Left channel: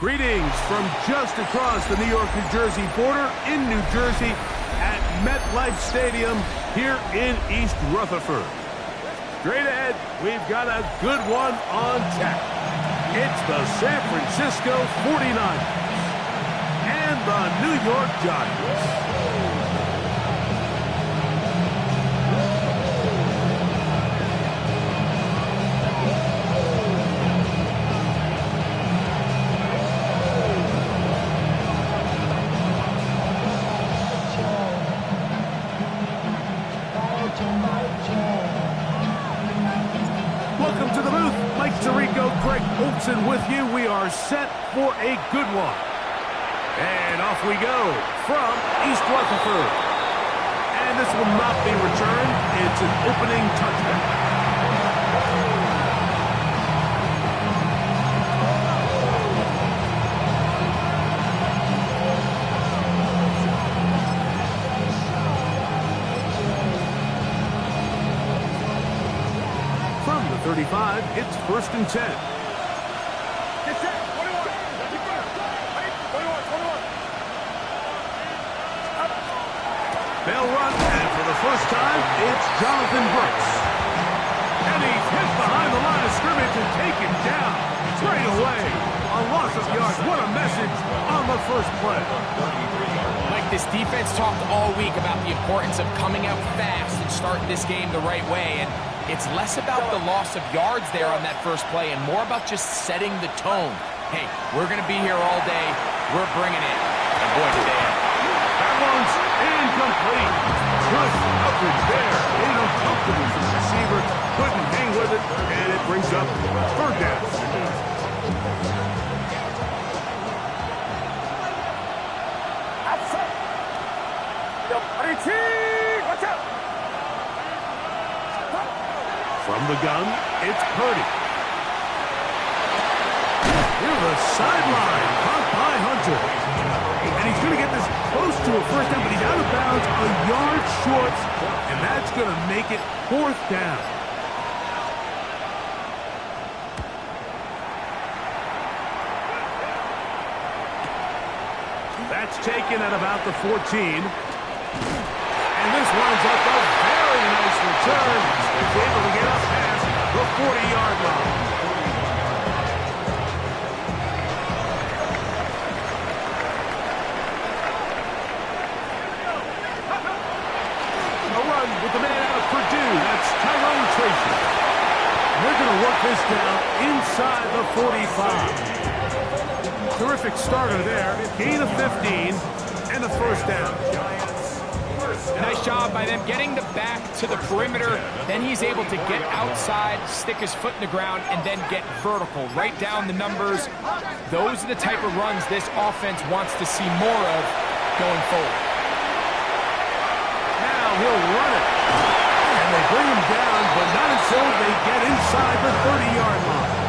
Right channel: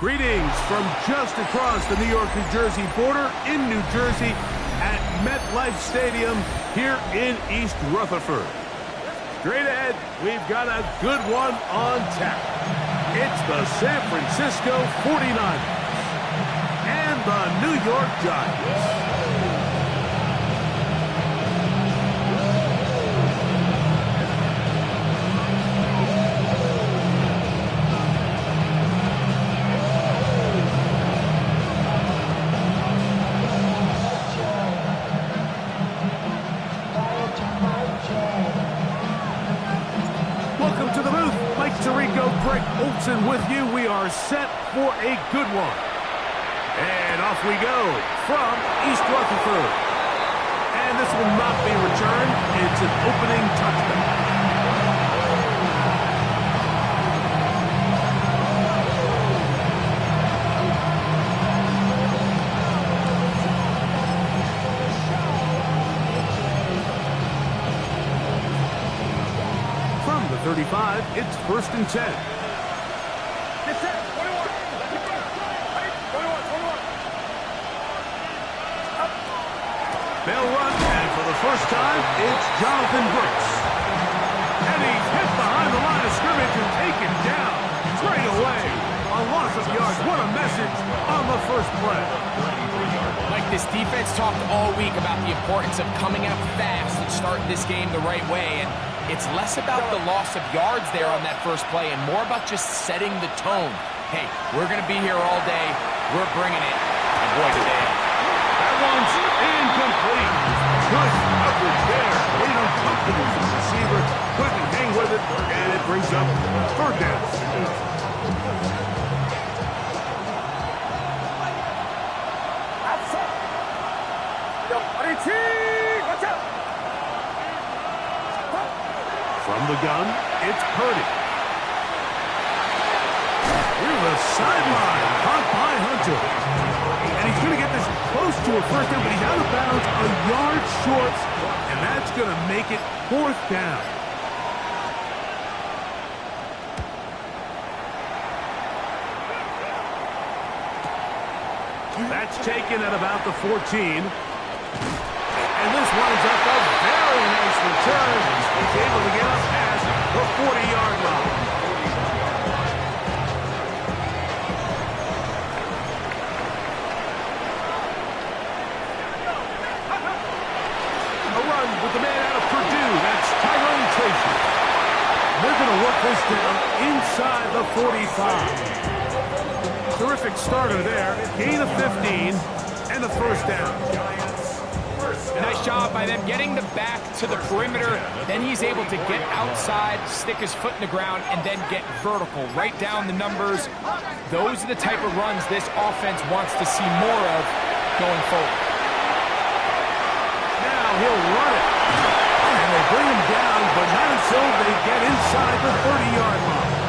Greetings from just across the New York-New Jersey border in New Jersey at MetLife Stadium here in East Rutherford. Straight ahead, we've got a good one on tap. It's the San Francisco 49ers and the New York Giants. Welcome to the booth. Mike Tirico, Greg Olson with you. We are set for a good one. And off we go from East Rutherford. And this will not be returned. It's an opening touchback. From the 35, it's 1st and 10. Get set, 21. They'll run, and for the first time, it's Jonathan Brooks. And he's hit behind the line of scrimmage and taken down straight away. A loss of yards. What a message on the first play. Like, this defense talked all week about the importance of coming out fast and starting this game the right way, and it's less about the loss of yards there on that first play and more about just setting the tone. Hey, we're going to be here all day. We're bringing it. And boy, today. That one's incomplete. Good coverage there. Made uncomfortable for the receiver. Couldn't hang with it, and it brings up 3rd down. Watch out! From the gun, it's Purdy. Near the sideline, caught by Hunter. And he's going to get this close to a first down, but he's out of bounds a yard short, and that's going to make it 4th down. That's taken at about the 14. And this winds up a very nice return. He's able to get up past the 40-yard line. A run with the man out of Purdue. That's Tyrone Tracy. They're going to work this down inside the 45. Terrific starter there. Gain of 15 and a 1st down. Nice job by them getting the back to the perimeter. Then he's able to get outside, stick his foot in the ground, and then get vertical. Right down the numbers. Those are the type of runs this offense wants to see more of going forward. Now he'll run it. And they bring him down, but not until they get inside the 30-yard line.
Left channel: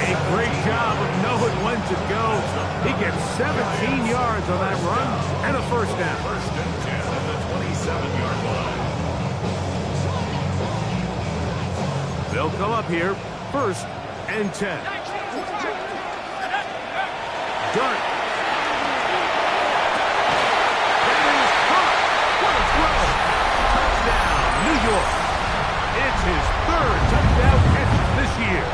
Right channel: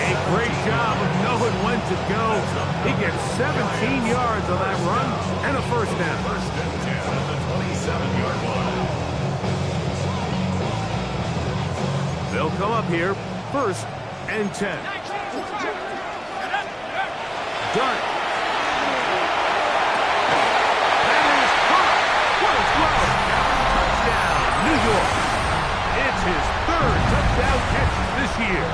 A great job of knowing when to go. He gets 17 yards on that run and a 1st down. 1st and 10 at the 27-yard line. They'll come up here, 1st and 10. Dart. That is caught. What a throw. Touchdown, New York. It's his 3rd touchdown catch this year.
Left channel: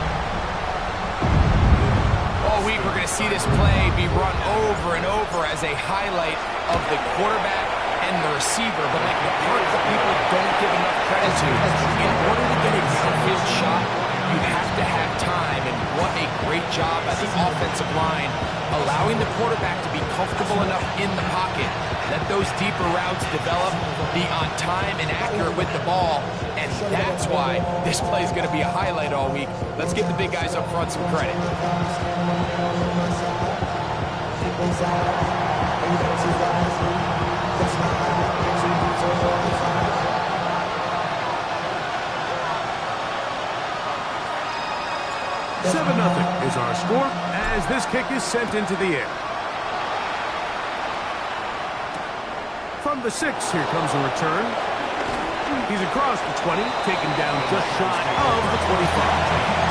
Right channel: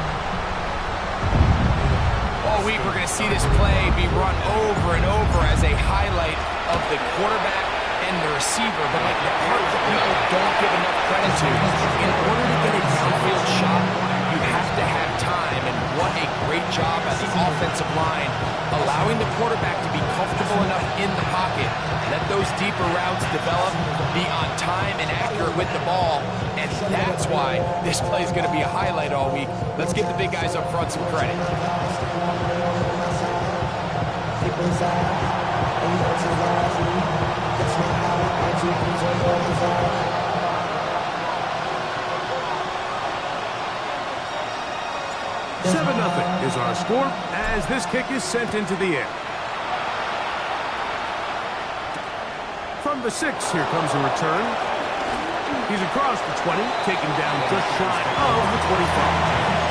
All week, we're going to see this play be run over and over as a highlight of the quarterback and the receiver. But, like, the part that people don't give enough credit to, in order to get a downfield shot, you have to have time. And what a great job by the offensive line, allowing the quarterback to be comfortable enough in the pocket, let those deeper routes develop, be on time and accurate with the ball. And that's why this play is going to be a highlight all week. Let's give the big guys up front some credit. $7-0 is our score as this kick is sent into the air. From the 6, here comes a return. He's across the 20, taken down just shy of the 25.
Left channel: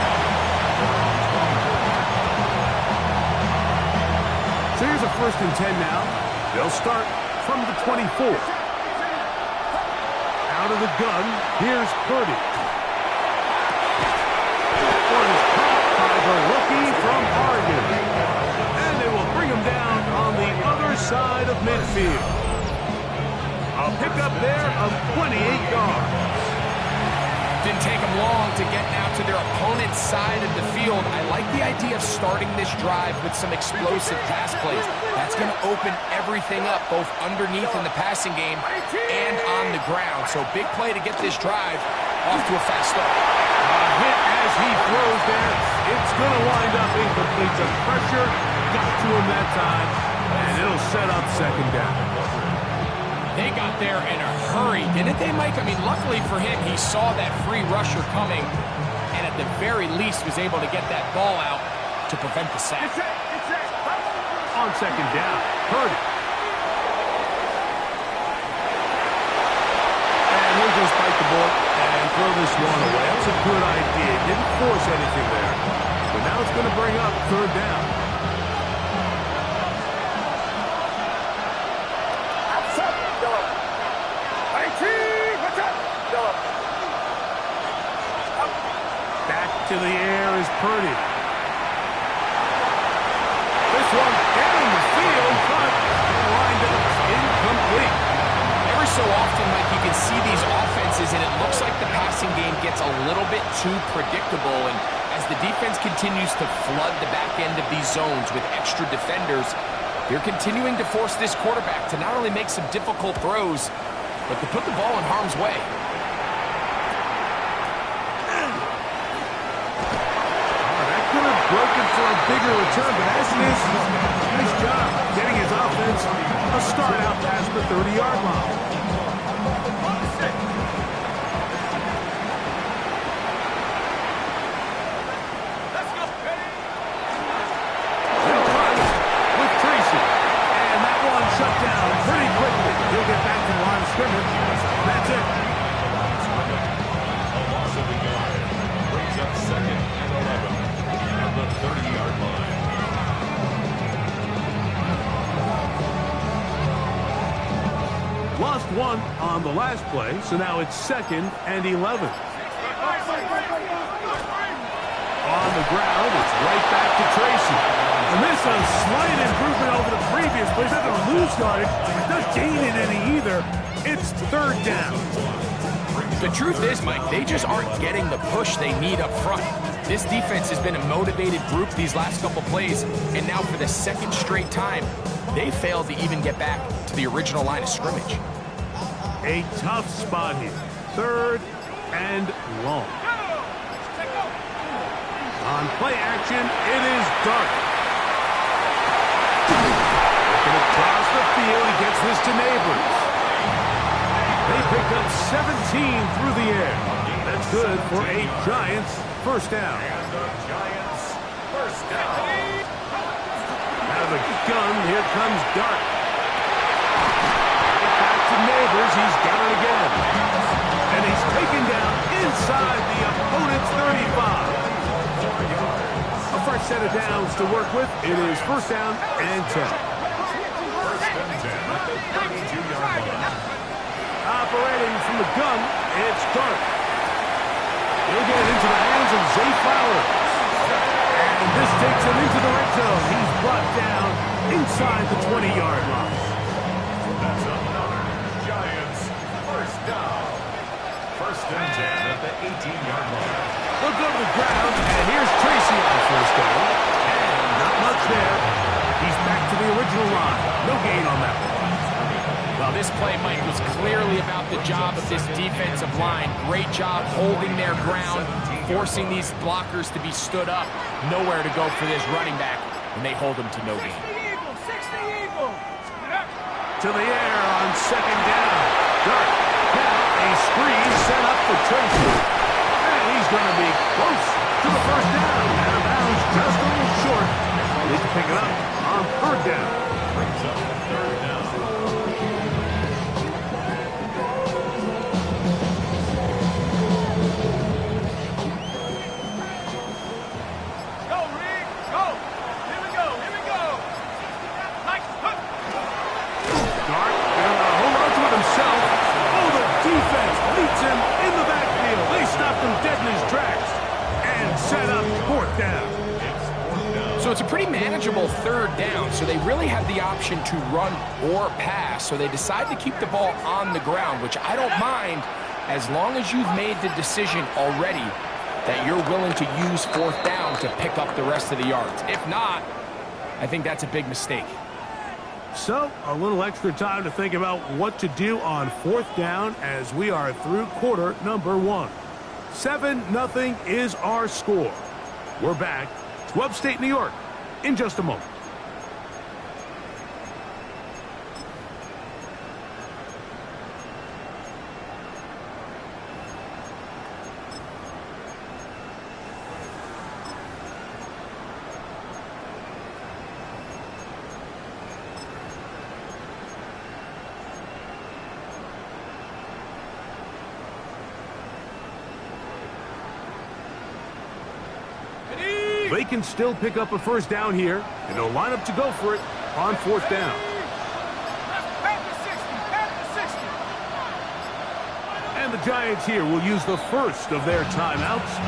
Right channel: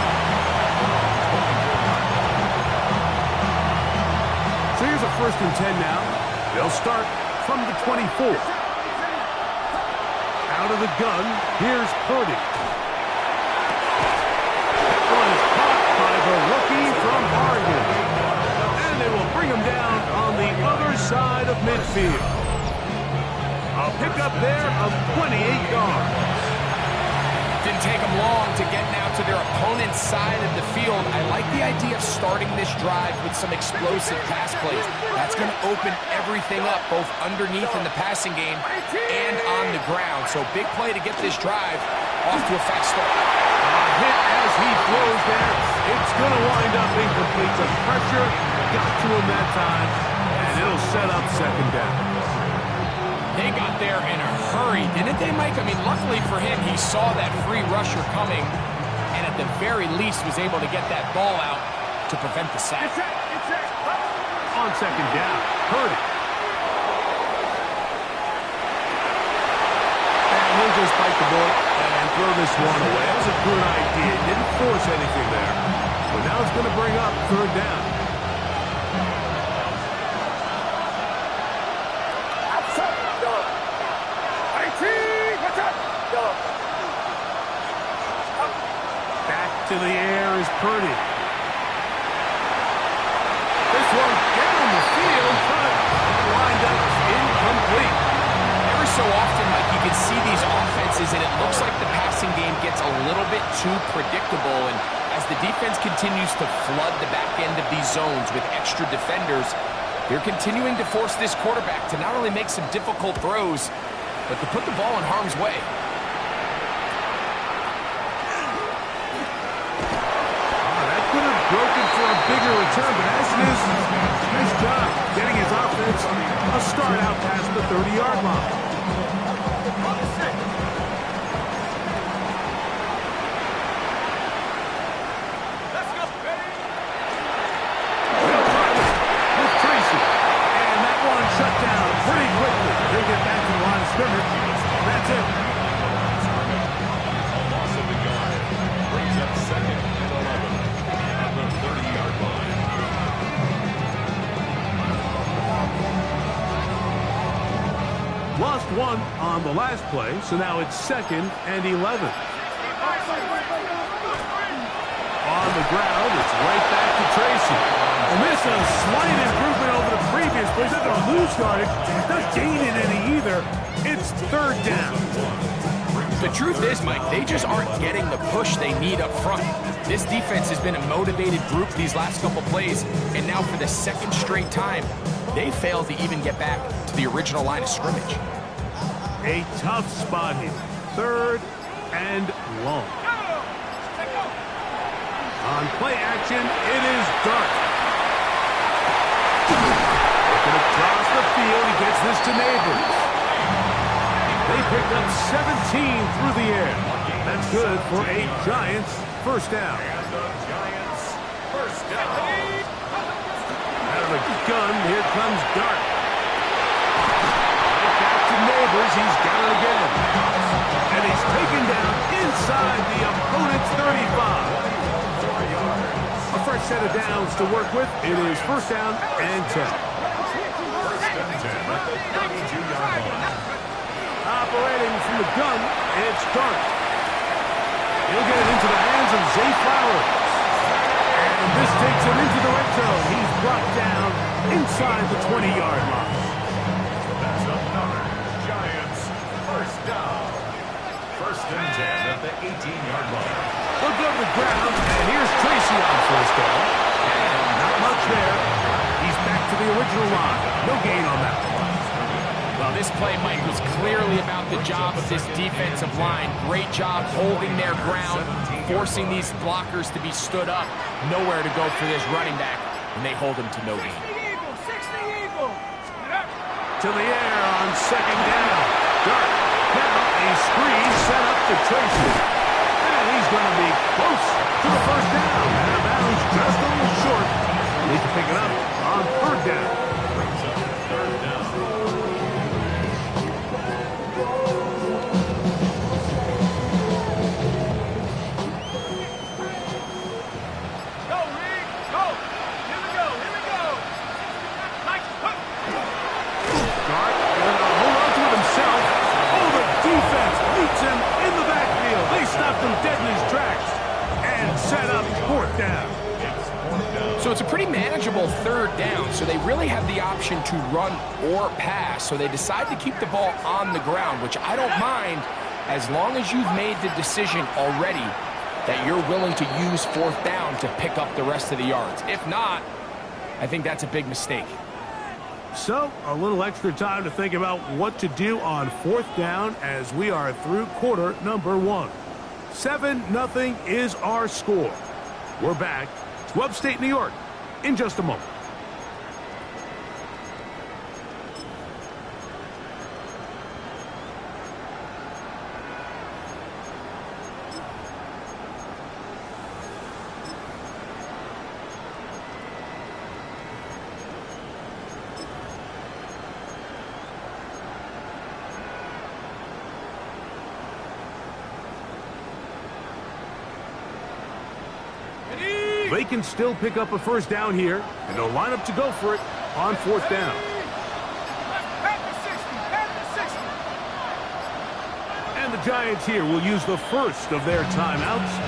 So here's a 1st and 10 now. They'll start from the 24. Out of the gun, here's Purdy. That one is caught by the rookie from Oregon. And they will bring him down on the other side of midfield. A pickup there of 28 yards. Didn't take them long to get now to their opponent's side of the field. I like the idea of starting this drive with some explosive pass plays. That's going to open everything up, both underneath in the passing game and on the ground. So big play to get this drive off to a fast start. A hit as he throws there. It's going to wind up incomplete. The pressure got to him that time, and it'll set up 2nd down. They got there in a hurry, didn't they, Mike? I mean, luckily for him, he saw that free rusher coming and at the very least was able to get that ball out to prevent the sack. On 2nd down, Purdy. And he'll just bite the bullet and throw this one away. That was a good idea. Didn't force anything there. But now it's going to bring up 3rd down. Back to the air is Purdy. This one down the field, but lined up incomplete. Every so often, Mike, you can see these offenses, and it looks like the passing game gets a little bit too predictable. And as the defense continues to flood the back end of these zones with extra defenders, they're continuing to force this quarterback to not only make some difficult throws, but to put the ball in harm's way. Could have broken for a bigger return, but as it is, nice job getting his offense a start out past the 30-yard line. Let's go. They'll run with Tracy, and that one shut down pretty quickly. He'll get back to the line of scrimmage. That's it. A loss of a yard brings up 2nd and 11. The 30-yard line. Lost 1 on the last play, so now it's 2nd and 11. On the ground, it's right back to Tracy. And this is a slight improvement over the previous play. It's not going to lose yardage. It's not gaining any either. It's 3rd down. The truth is, Mike, they just aren't getting the push they need up front. This defense has been a motivated group these last couple plays, and now for the 2nd straight time, they failed to even get back to the original line of scrimmage. A tough spot here. 3rd and long. On play action, it is Dart. Looking across the field, he gets this to Neighbors. They pick up 17 through the air. That's good for a Giants 1st down. And the Giants 1st down. Out of the gun, here comes Dart. Right back to Neighbors. He's got it again. And he's taken down inside the opponent's 35. 4 yards. A fresh set of downs to work with. It is 1st down and 10. 1st and 10 at the 32-yard line. Operating from the gun, it's Dart. He'll get it into the hands of Zay Flowers. And this takes him into the red zone. He's brought down inside the 20-yard line. That's another Giants 1st down. 1st and 10 at the 18-yard line. They'll go to the ground, and here's Tracy on 1st down. And not much there. He's back to the original line. No gain on that one. Well, this play, Mike, was clearly about the job of this defensive line. Great job holding their ground, forcing these blockers to be stood up. Nowhere to go for this running back, and they hold him to no gain. to the air on second down. Dart. Now a screen set up for Tracy. And he's going to be close to the first down. Out of bounds just a little short. Need to pick it up on third down. Brings up third down. Defense meets him in the backfield. They stopped him dead in his tracks and set up fourth down. So it's a pretty manageable third down, so they really have the option to run or pass, so they decide to keep the ball on the ground, which I don't mind as long as you've made the decision already that you're willing to use fourth down to pick up the rest of the yards. If not, I think that's a big mistake. So, a little extra time to think about what to do on fourth down as we are through quarter number 1. 7-0 is our score. We're back to upstate New York in just a moment. They can still pick up a first down here, and they'll line up to go for it on fourth down. And the Giants here will use the first of their timeouts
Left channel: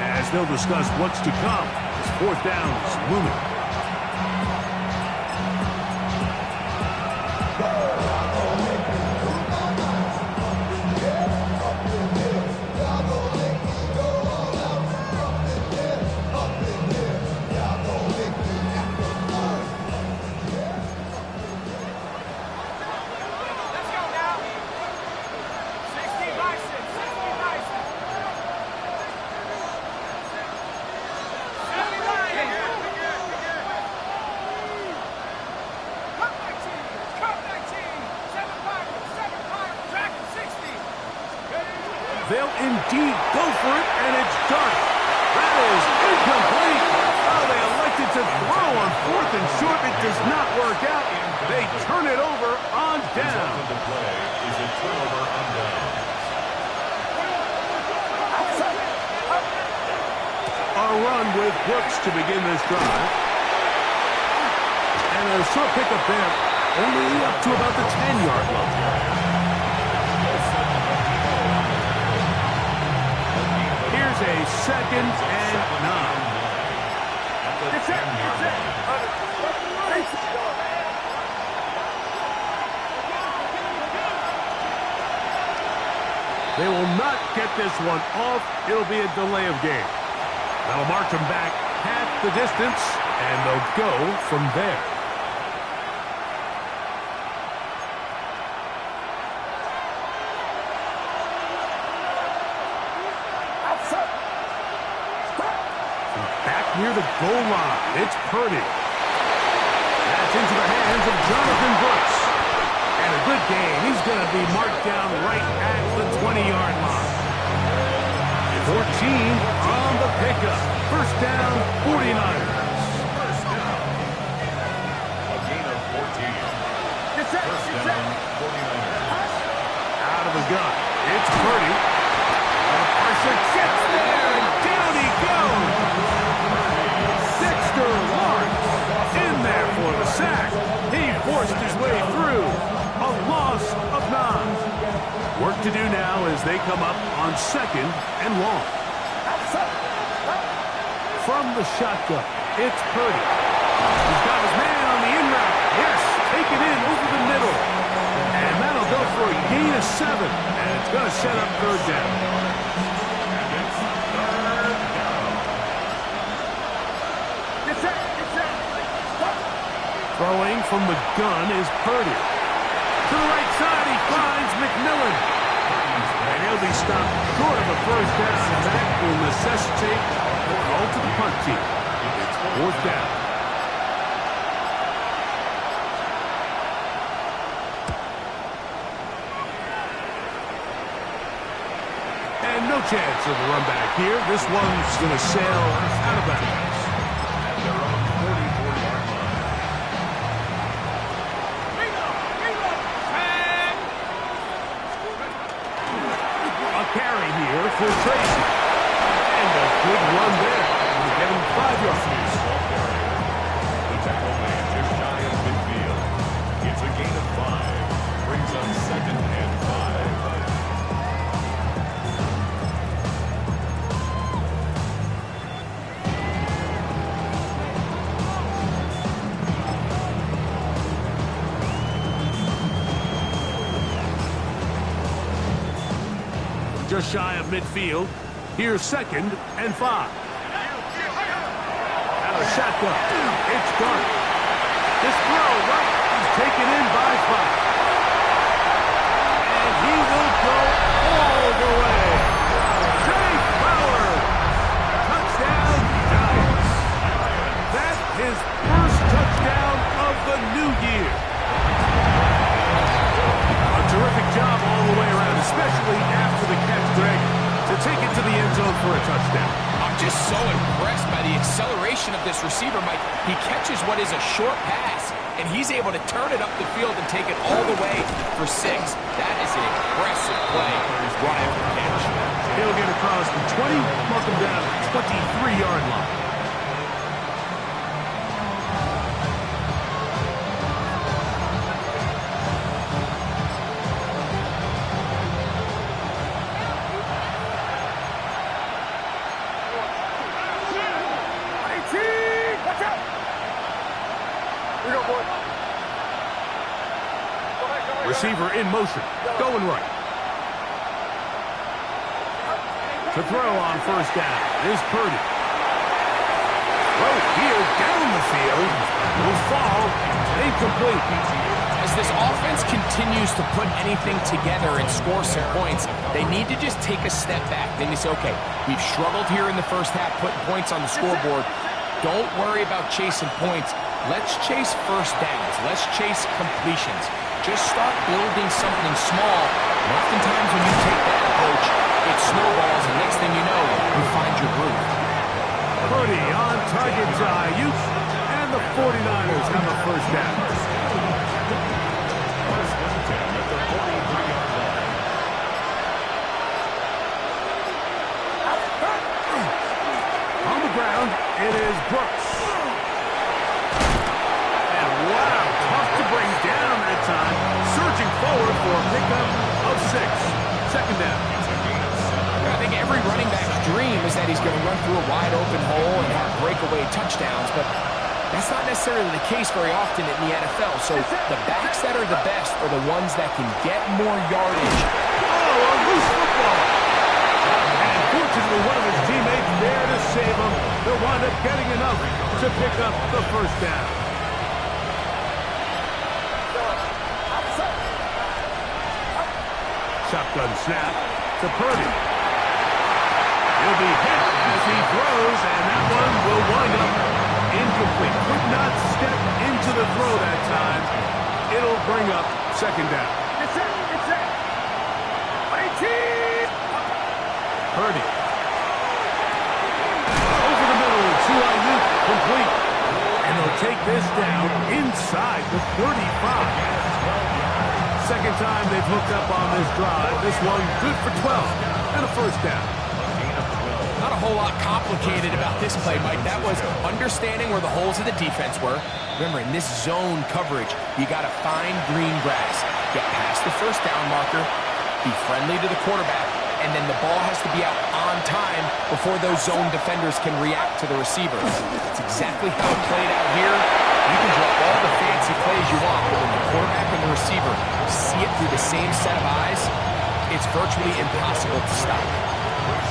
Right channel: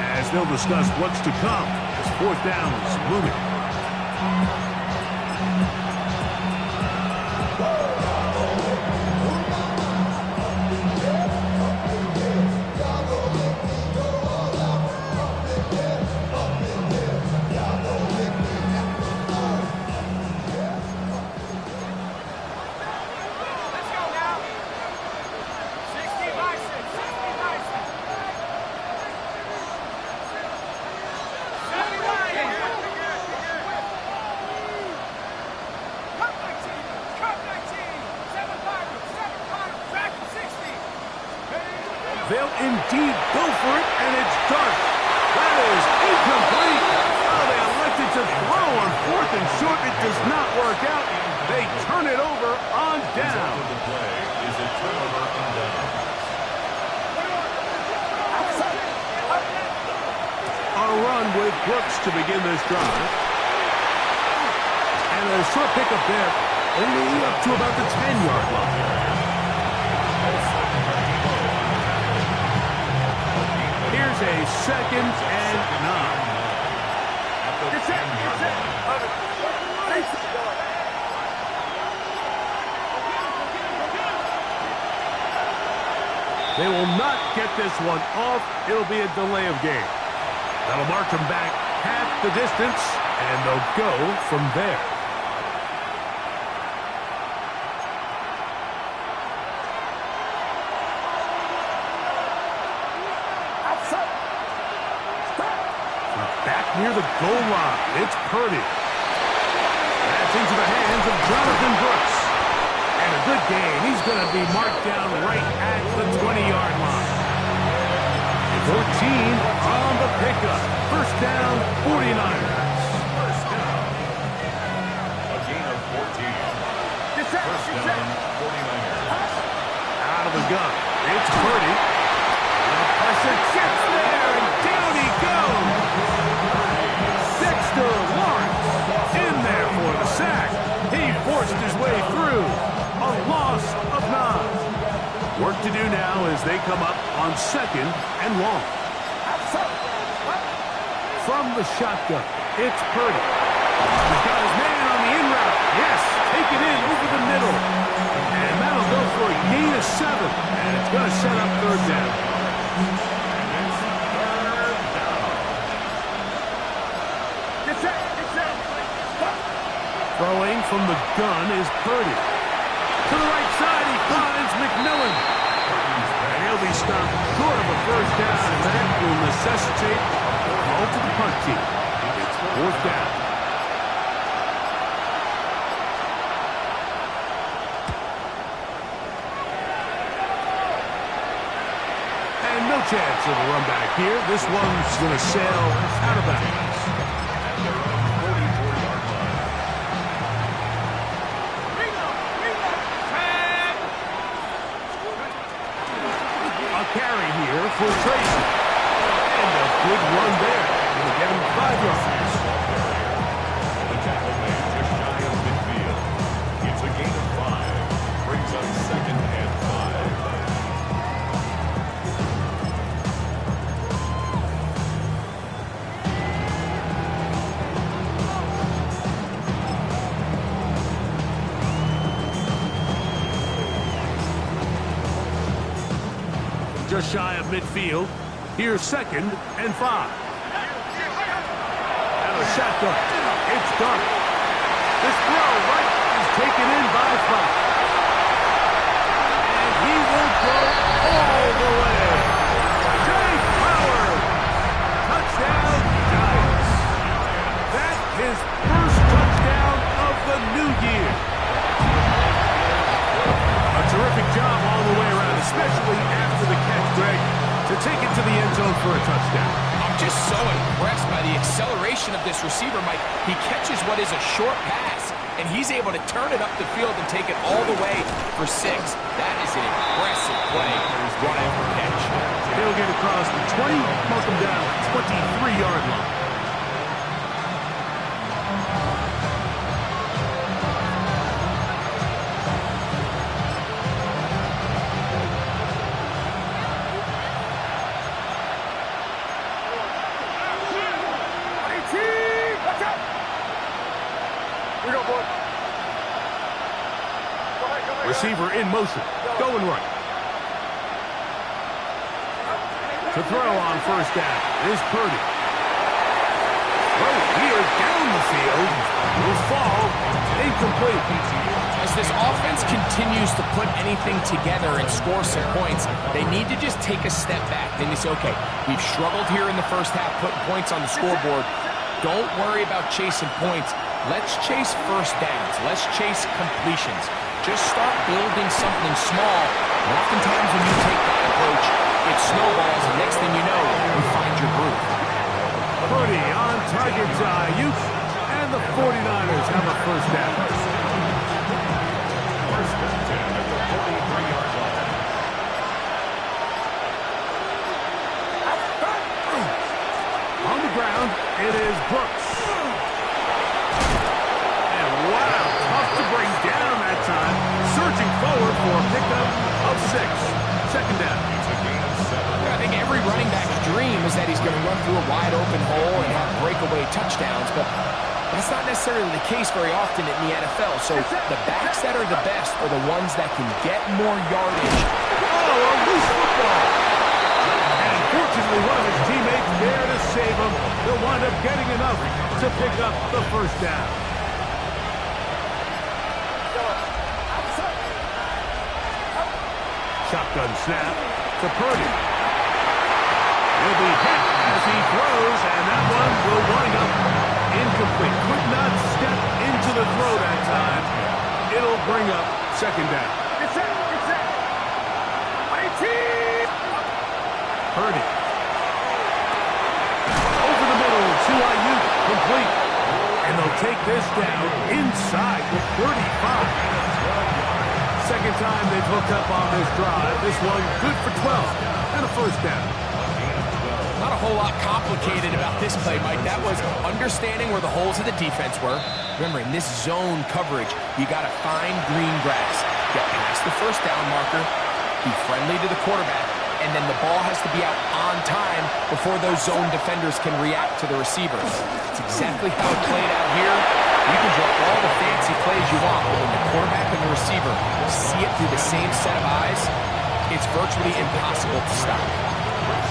as they'll discuss what's to come as fourth down's looming. They'll indeed go for it, and it's Dart. That is incomplete. Oh, they elected to throw on fourth and short. It does not work out. They turn it over on down. The play is a turnover on down. A run with Brooks to begin this drive. And a short pickup there, only up to about the 10-yard line. Here's a 2nd and 9. It's it. They will not get this one off. It'll be a delay of game. That'll mark them back half the distance, and they'll go from there. Near the goal line, it's Purdy. That's into the hands of Jonathan Brooks. And a good game. He's going to be marked down right at the 20-yard line. 14 on the pickup. First down, 49ers. First down. A gain of 14. First down, 49ers. Out of the gun, it's Purdy. The pressure gets there, and down he goes. Dexter Lawrence in there for the sack. He forced his way through. A loss of 9. Work to do now as they come up on 2nd and long. From the shotgun, it's Purdy. He's got his man on the in route. Yes, take it in over the middle. And that'll go for a gain of 7. And it's going to set up third down. Throwing from the gun is Purdy. To the right side, he finds McMillan. And he'll be stopped short of a first down, and that will necessitate a call to the punt team. It's fourth down. chance of a run back here. This one's going to sail out of bounds. At their own 44-yard line. A carry here for Tracy. And a good run there. Going to get him 5 yards. The tackle made just shy of midfield. It's a gain of 5. Brings up 2nd and 5. Just shy of midfield. Here's 2nd and 5. And a shotgun. It's done. This throw right is taken in by 5. And he will go all the way. Jay Flowers. Touchdown, Giants. That his first touchdown of the new year. A terrific job all the way around, especially after the catch, Greg, to take it to the end zone for a touchdown. I'm just so impressed by the acceleration of this receiver, Mike. He catches what is a short pass, and he's able to turn it up the field and take it all the way for 6. That is an impressive play, run after catch. He'll get across the 20, mark him down at the 23-yard line. Receiver in motion, going right. To throw on first down is Purdy. Throw here down the field. Will fall. Incomplete. As this offense continues to put anything together and score some points, they need to just take a step back. Then they say, okay, we've struggled here in the first half, putting points on the scoreboard. Don't worry about chasing points. Let's chase first downs. Let's chase completions. Just start building something small. And oftentimes when you take that approach, it snowballs, and next thing you know, you find your groove. Purdy on target to Ayuk, and the 49ers have a first down. 1st and 10 at the 43-yard line. On the ground, it is Brooks. And wow, tough to bring down that time. Surging forward for a pickup of 6. 2nd down. It's a gain of 7. I think every running back's dream is that he's going to run through a wide open hole and have breakaway touchdowns, but that's not necessarily the case very often in the NFL. So the backs that are the best are the ones that can get more yardage. Oh, a loose football. And fortunately, one of his teammates there to save him. They'll wind up getting enough to pick up the first down. Shotgun snap to Purdy. He'll be hit as he throws, and that one will wind up incomplete. Could not step into the throw that time. It'll bring up 2nd down. It's set. Purdy. Over the middle to Ayuk, complete. And they'll take this down inside the 35. 2nd time they've hooked up on this drive. This one good for 12 and a first down. Not a whole lot complicated about this play, Mike. That was understanding where the holes of the defense were. Remember, in this zone coverage, you got to find green grass. Get past the first down marker, be friendly to the quarterback, and then the ball has to be out on time before those zone defenders can react to the receiver. It's exactly how it played out here. You can draw all the fancy plays you want, but when the quarterback and the receiver see it through the same set of eyes, it's virtually impossible to stop.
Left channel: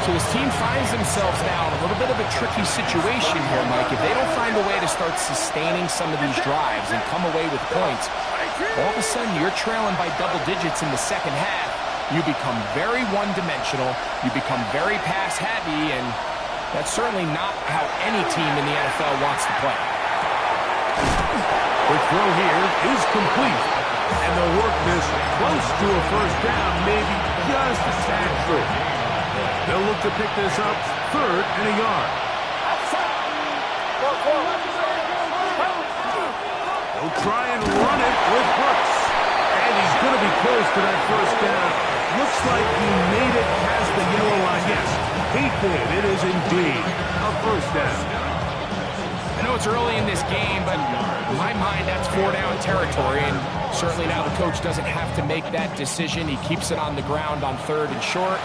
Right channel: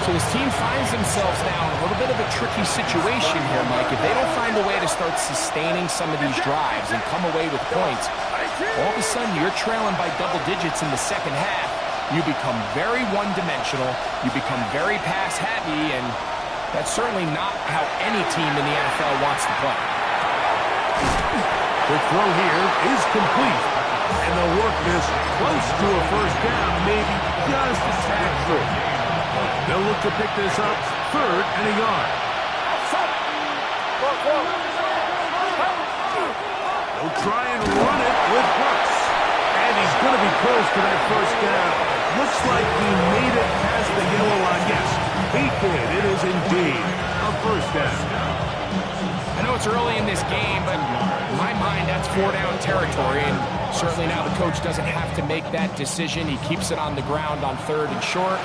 So his team finds themselves now in a little bit of a tricky situation here, Mike. If they don't find a way to start sustaining some of these drives and come away with points, all of a sudden you're trailing by double digits in the second half. You become very one-dimensional, you become very pass-heavy, and that's certainly not how any team in the NFL wants to play. Quick throw here is complete. And they'll work this close to a first down, maybe just a tad short. They'll look to pick this up, 3rd and a yard. They'll try and run it with Brooks. And he's going to be close to that first down. Looks like he made it past the yellow line. Yes, he did. It is indeed a first down. I know it's early in this game, but in my mind, that's 4-down territory, and certainly now the coach doesn't have to make that decision. He keeps it on the ground on 3rd and short,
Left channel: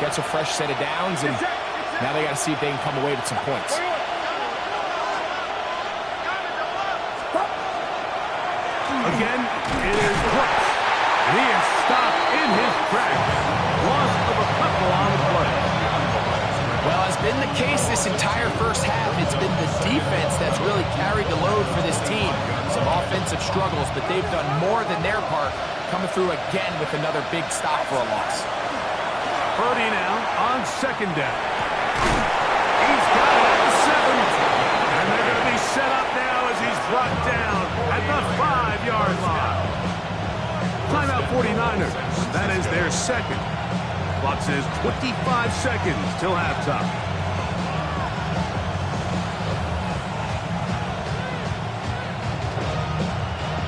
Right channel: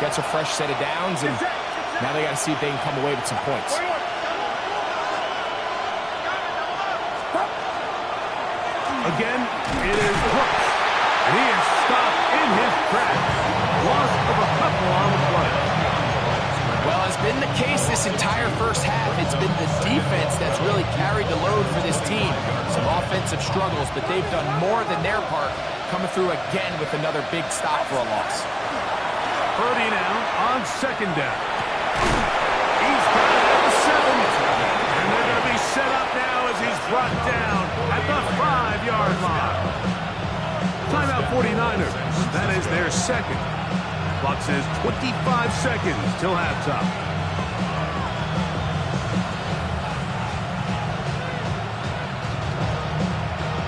gets a fresh set of downs, and now they got to see if they can come away with some points. Again, it is Brooks, and he is stopped in his tracks. Loss of a couple on the play. Well, as been the case this entire first half, it's been the defense that's really carried the load for this team. Some offensive struggles, but they've done more than their part, coming through again with another big stop for a loss. Purdy now on 2nd down. He's got it at the 7. And they're going to be set up now as he's brought down at the 5-yard line. Timeout 49ers. That is their 2nd. Clock says 25 seconds till halftime.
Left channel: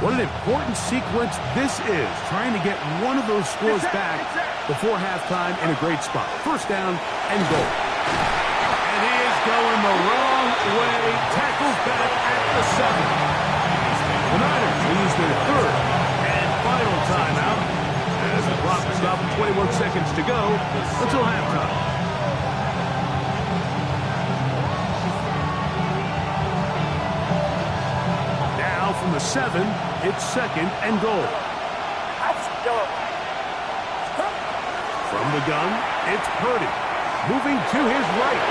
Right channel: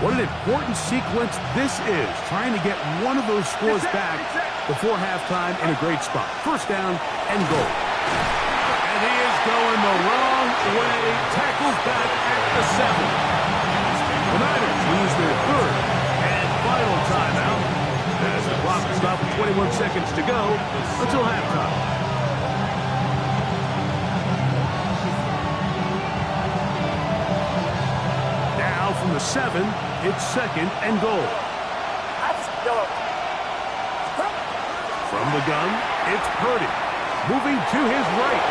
What an important sequence this is, trying to get one of those scores back before halftime in a great spot. First down and goal. And he is going the wrong way. Tackles back at the 7. The Niners lose their 3rd and final timeout as the clock will stop with 21 seconds to go until halftime. Now from the 7, it's 2nd and goal. From the gun, it's Purdy. Moving to his right.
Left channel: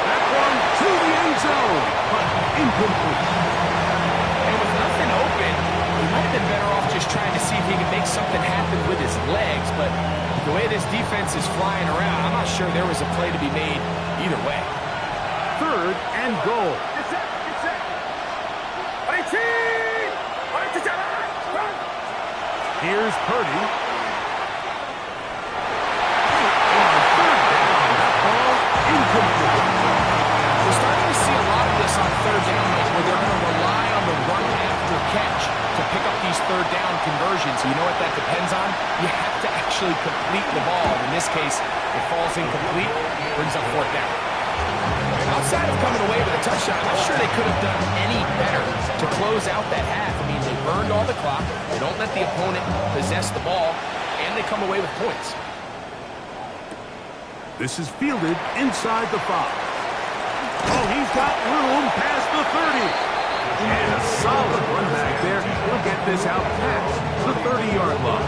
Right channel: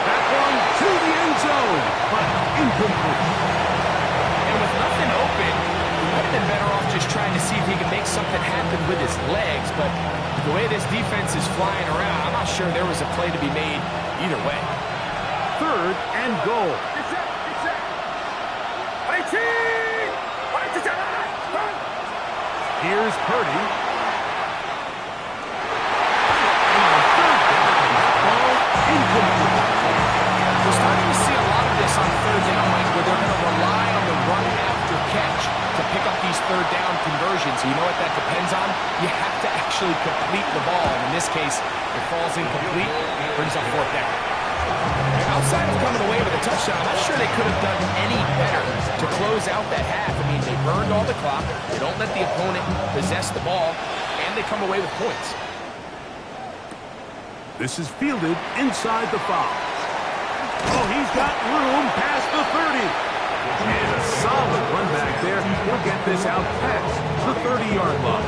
That one to the end zone, but incomplete. And with nothing open, he might have been better off just trying to see if he could make something happen with his legs, but the way this defense is flying around, I'm not sure there was a play to be made either way. 3rd and goal. Here's Purdy. And on 3rd down, that ball incomplete. We're starting to see a lot of this on 3rd down, Mike, where they're going to rely on the run after catch to pick up these 3rd down conversions. You know what that depends on? You have to actually complete the ball. And in this case, it falls incomplete, brings up 4th down. Outside of coming away with a touchdown, I'm not sure they could have done any better to close out that half. I mean, they burned all the clock, they don't let the opponent possess the ball, and they come away with points. This is fielded inside the 5. Oh, he's got room past the 30. And a solid run back there. He'll get this out past the 30-yard line.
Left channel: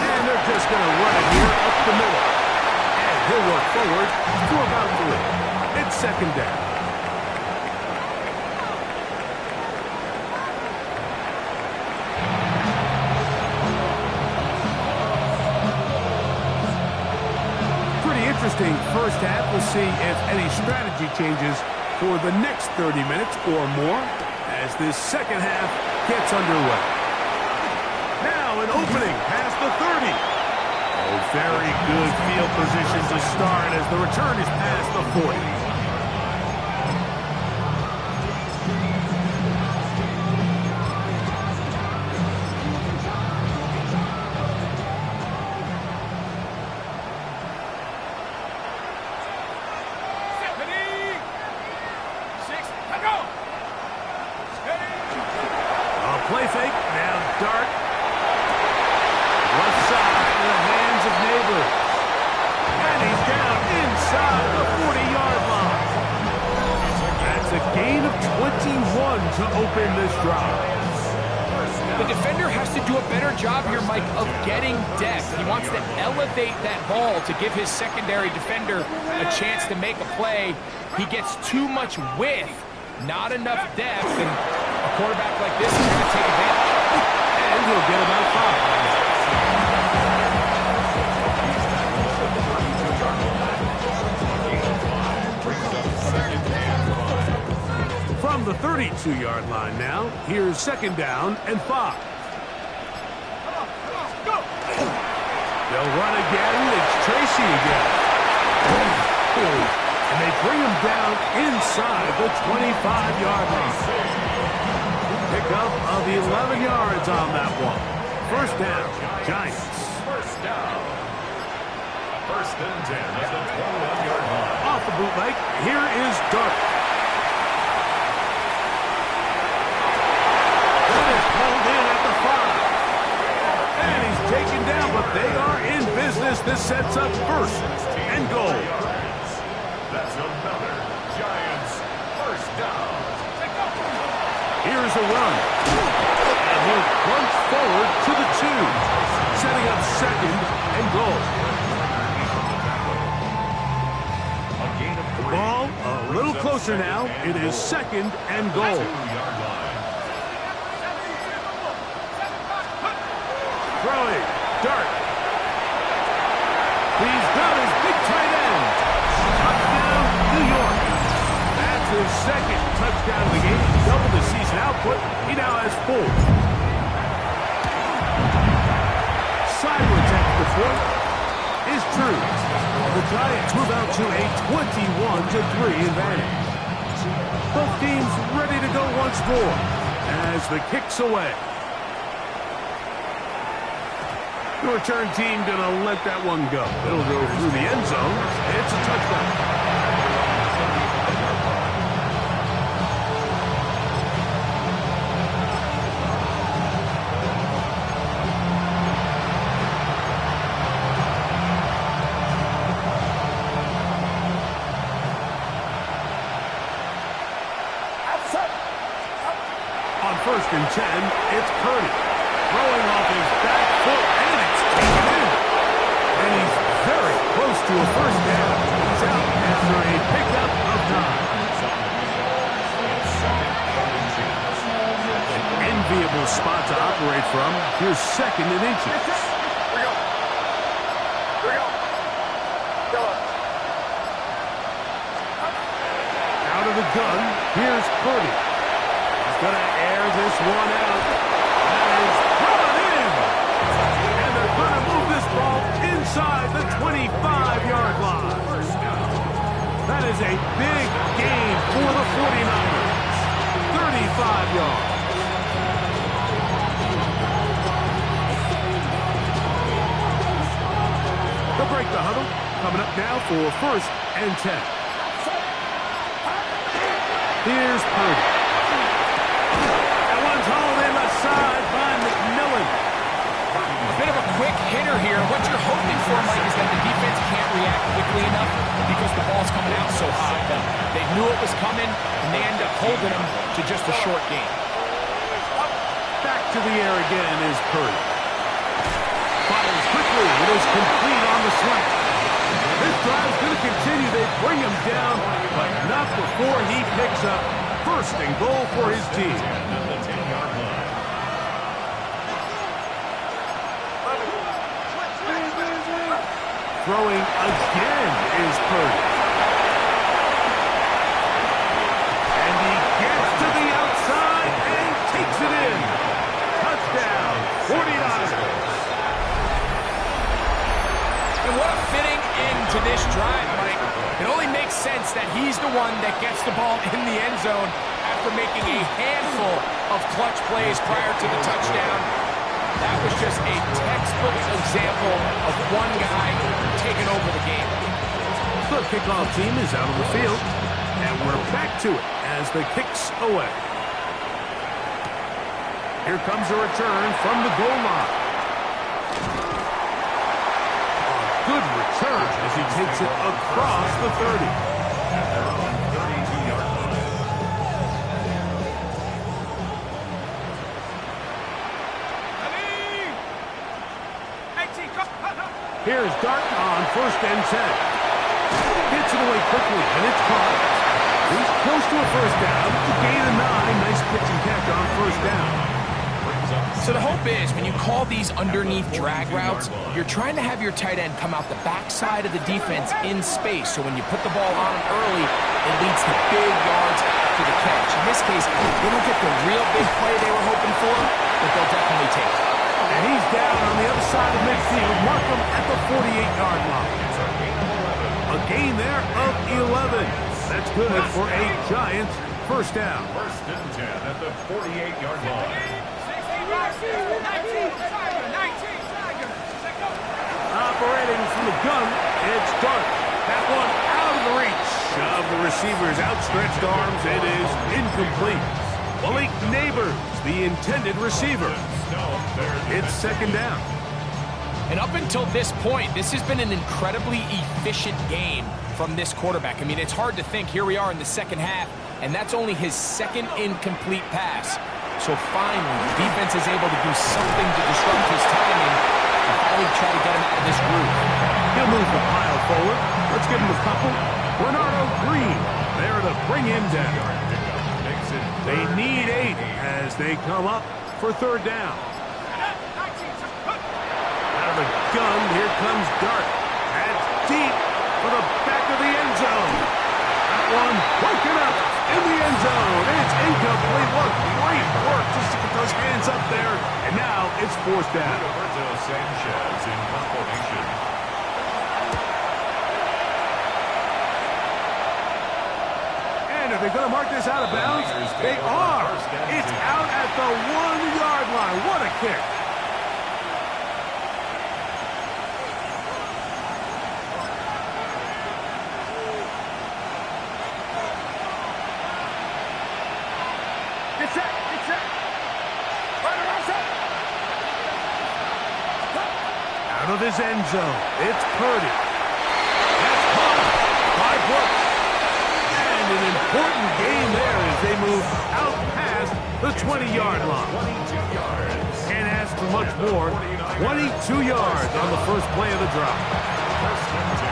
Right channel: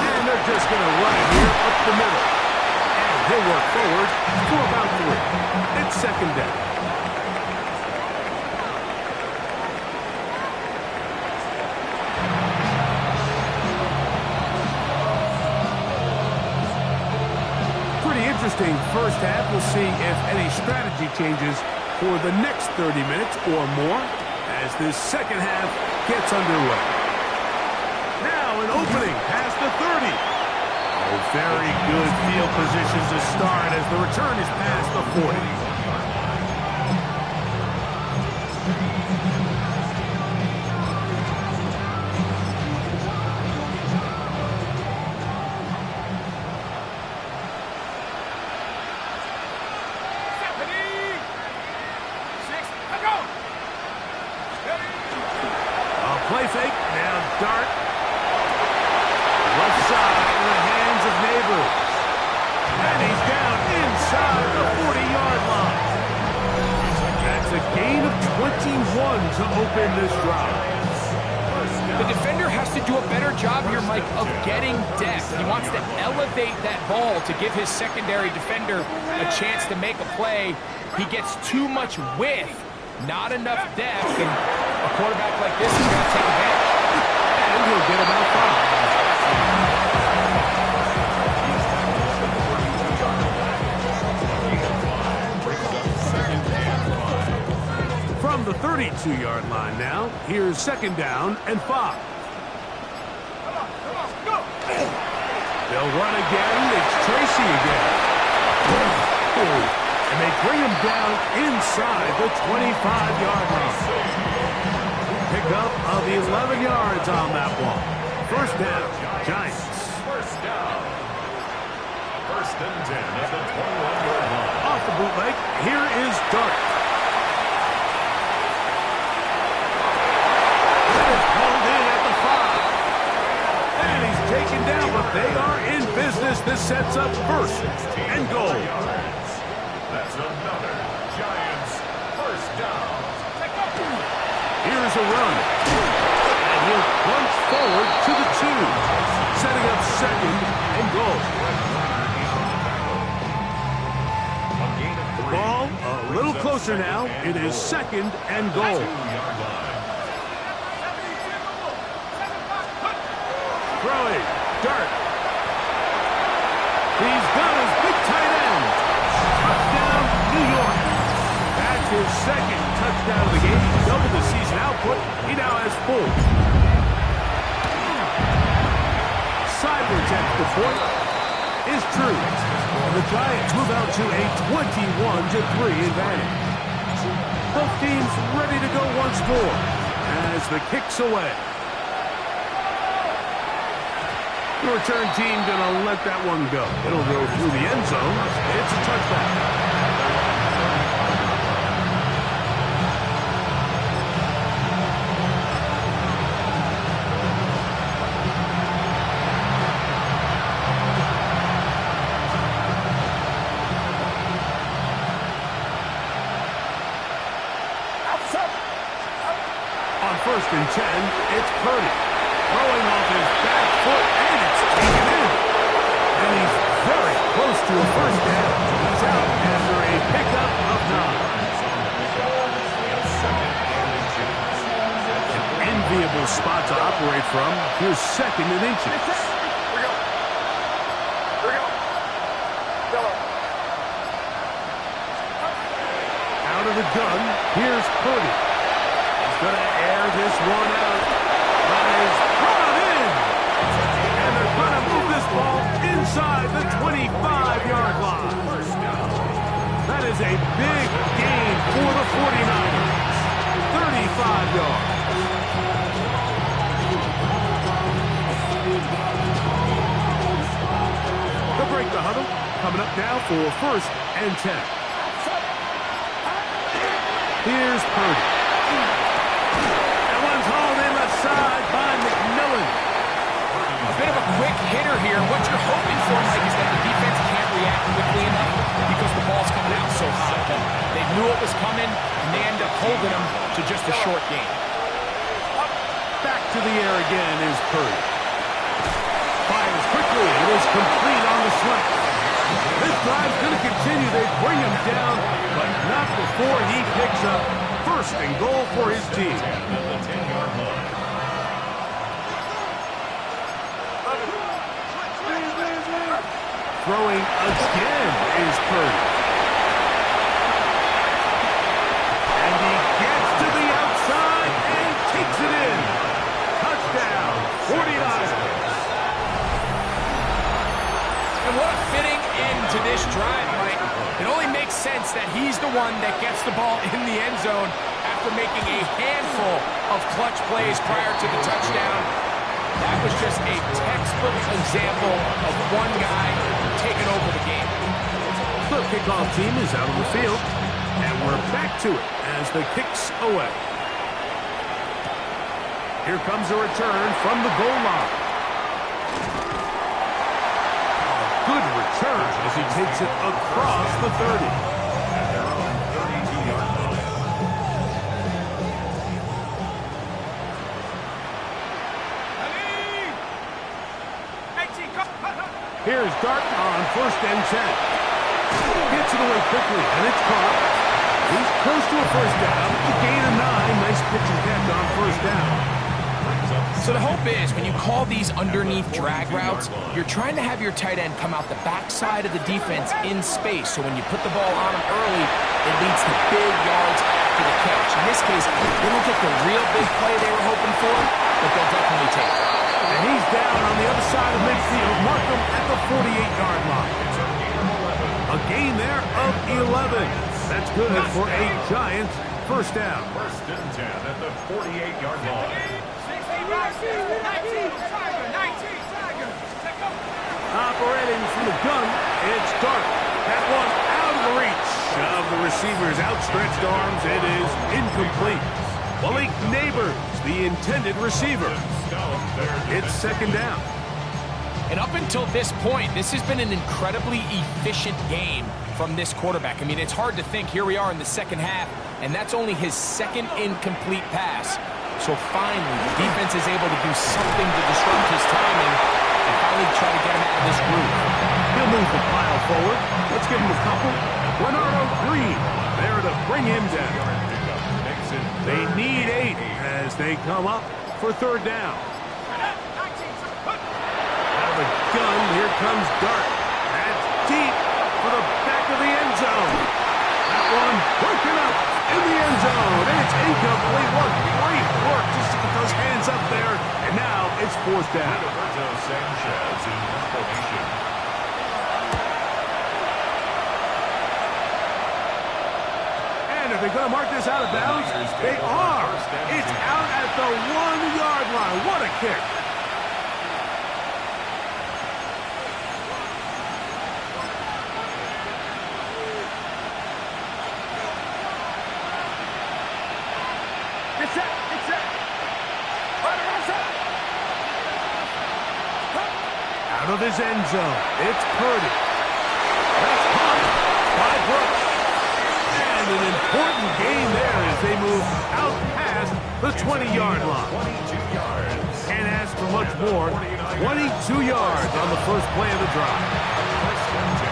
And they're just going to run it here up the middle. And he'll work forward for about 3. It's 2nd down. Interesting first half. We'll see if any strategy changes for the next 30 minutes or more as this second half gets underway. Now an opening past the 30. Oh, very good field position to start as the return is past the 40. Play fake, now dart. Left side in the hands of Neighbors. And he's down inside the 40-yard line. That's a gain of 21 to open this drive. The defender has to do a better job here, Mike, of getting depth. He wants to elevate that ball to give his secondary defender a chance to make a play. He gets too much width, not enough depth, and a quarterback like this is going to take advantage. And he'll get about 5. From From the 32-yard line now, here's 2nd down and 5. They'll run again. It's Tracy again. And they bring him down inside the 25-yard line. Pickup of 11 yards on that one. 1st down, Giants. 1st down. 1st and 10 at the 21-yard line. Off the bootleg, here is Dart. That is pulled in at the 5. And he's taken down, but they are in business. This sets up 1st and goal. That's another Giants 1st down. Here's a run. And he'll plunge forward to the 2. Setting up 2nd and goal. The ball a little closer now. It is 2nd and goal. Throwing. Dart. He's got his big tight end. Touchdown, New York. That's his 2nd touchdown of the game. He's doubled the season output. He now has 4. Sideways extra point is true. And the Giants move out to a 21-3 advantage. Both teams ready to go once more as the kick's away. The return team gonna let that one go. It'll go through the end zone. It's a touchdown. On 1st and 10, it's Purdy. Throwing off his back foot, and it's taken in. And he's very close to a 1st down. He's out after a pickup of 9. An enviable spot to operate from. Here's 2nd and inches. Here we go. Out of the gun, here's Purdy. He's going to air this one out. That is brought in. And they're going to move this ball inside the 25-yard line. That is a big gain for the 49ers. 35 yards. They'll break the huddle. Coming up now for 1st and 10. Here's Purdy. That one's hauled in left side by McMillan. A bit of a quick hitter here. What you're hoping for, Mike, is that the defense can't react quickly enough because the ball's coming out so high. They knew it was coming, and they end up holding them to just a short gain. Back to the air again is Purdy. Fires quickly. It is complete on the slant. This drive's going to continue. They bring him down, but not before he picks up 1st and goal for his team. Throwing again is Purdy. And he gets to the outside and takes it in. Touchdown, 49ers. And what a fitting end to this drive, Mike. It only makes sense that he's the one that gets the ball in the end zone after making a handful of clutch plays prior to the touchdown. That was just a textbook example of one guy taking over the game. The kickoff team is out on the field, and we're back to it as the kick's away. Here comes a return from the goal line. Good return as he takes it across the 30. At their own 32-yard line. Here's Dart on 1st and 10. Gets it away quickly, and it's caught. He's close to a 1st down. A gain of 9. Nice pitch and catch on 1st down. So the hope is when you call these underneath drag routes, you're trying to have your tight end come out the backside of the defense in space. So when you put the ball on him early, it leads to big yards after the catch. In this case, they don't get the real big play they were hoping for, but they'll definitely take it. And he's down on the other side of midfield. Mark him at the 48-yard line. It's a gain of 11. A gain there of 11. That's good for a Giants first down. First and 10 at the 48-yard line. Operating from the gun, it's Dart. That one out of the reach of the receiver's outstretched arms. It is incomplete. Malik Neighbors, the intended receiver. It's second down. And up until this point, this has been an incredibly efficient game from this quarterback. I mean, it's hard to think. Here we are in the second half, and that's only his second incomplete pass. So finally, the defense is able to do something to disrupt his timing and finally try to get him out of this groove. He'll move the pile forward. Let's give him a couple. Bernardo Green there to bring him down. They need 8 as they come up for third down. Out of the gun, here comes Dart. That's deep for the back of the end zone. That one broken up in the end zone. It's incomplete. What great work just to get those hands up there. And now it's fourth down. Roberto Sanchez in formation. And are they going to mark this out of bounds? They are. It's out at the 1-yard line. What a kick. Out of his end zone, it's Purdy. That's caught by Brooks. And an important gain there as they move out past the 20-yard line. 22 yards. Can't ask for much more. 22 yards on the first play of the drive.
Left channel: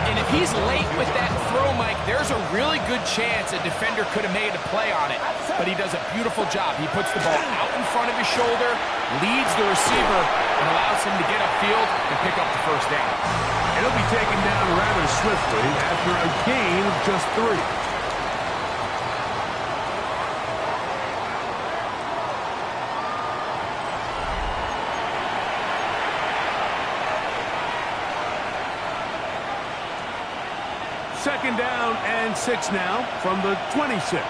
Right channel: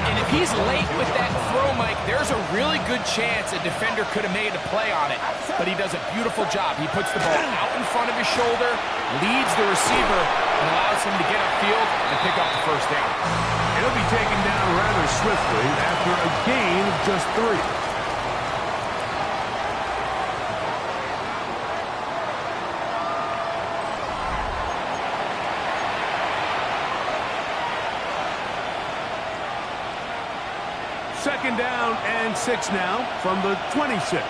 And if he's late with that throw, Mike, there's a really good chance a defender could have made a play on it. But he does a beautiful job. He puts the ball out in front of his shoulder, leads the receiver, and allows him to get upfield and pick up the first down. It'll be taken down rather swiftly after a gain of just 3. Second down and 6 now from the 26.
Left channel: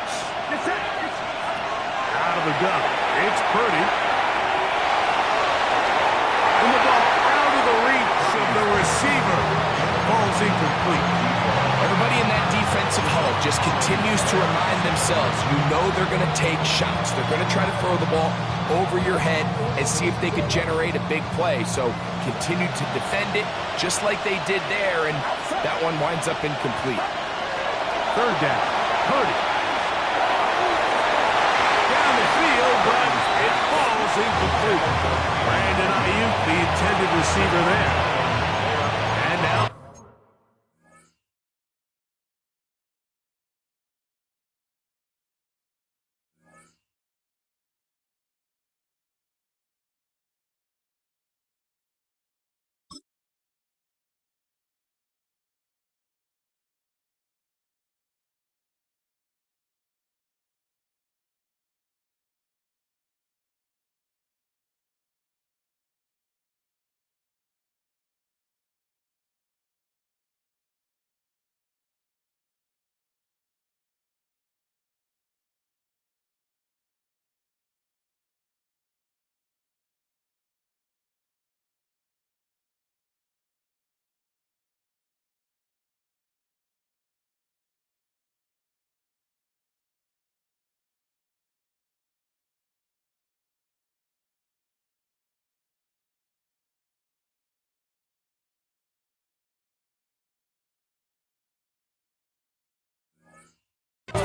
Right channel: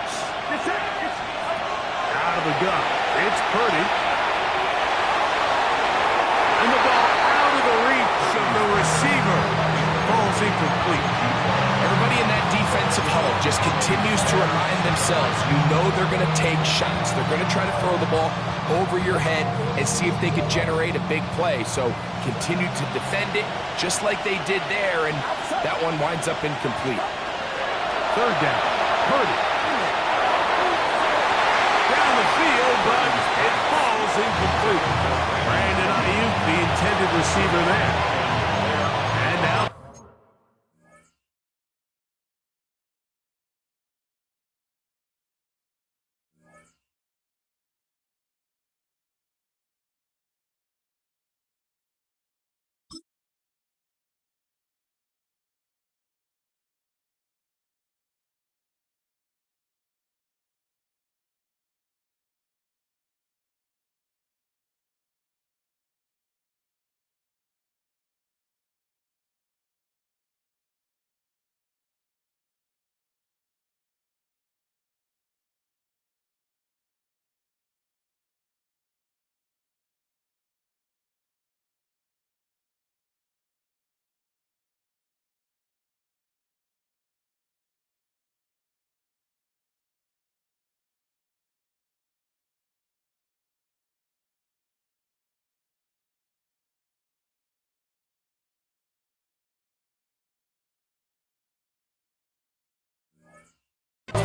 Out of the gun. It's Purdy. And the ball out of the reach of the receiver. Ball's incomplete. Everybody in that defensive huddle just continues to remind themselves, you know they're going to take shots. They're going to try to throw the ball over your head and see if they can generate a big play. So continue to defend it just like they did there, and that one winds up incomplete. Third down. Purdy. Down the field, but it falls incomplete. Brandon Ayuk, the intended receiver there. And now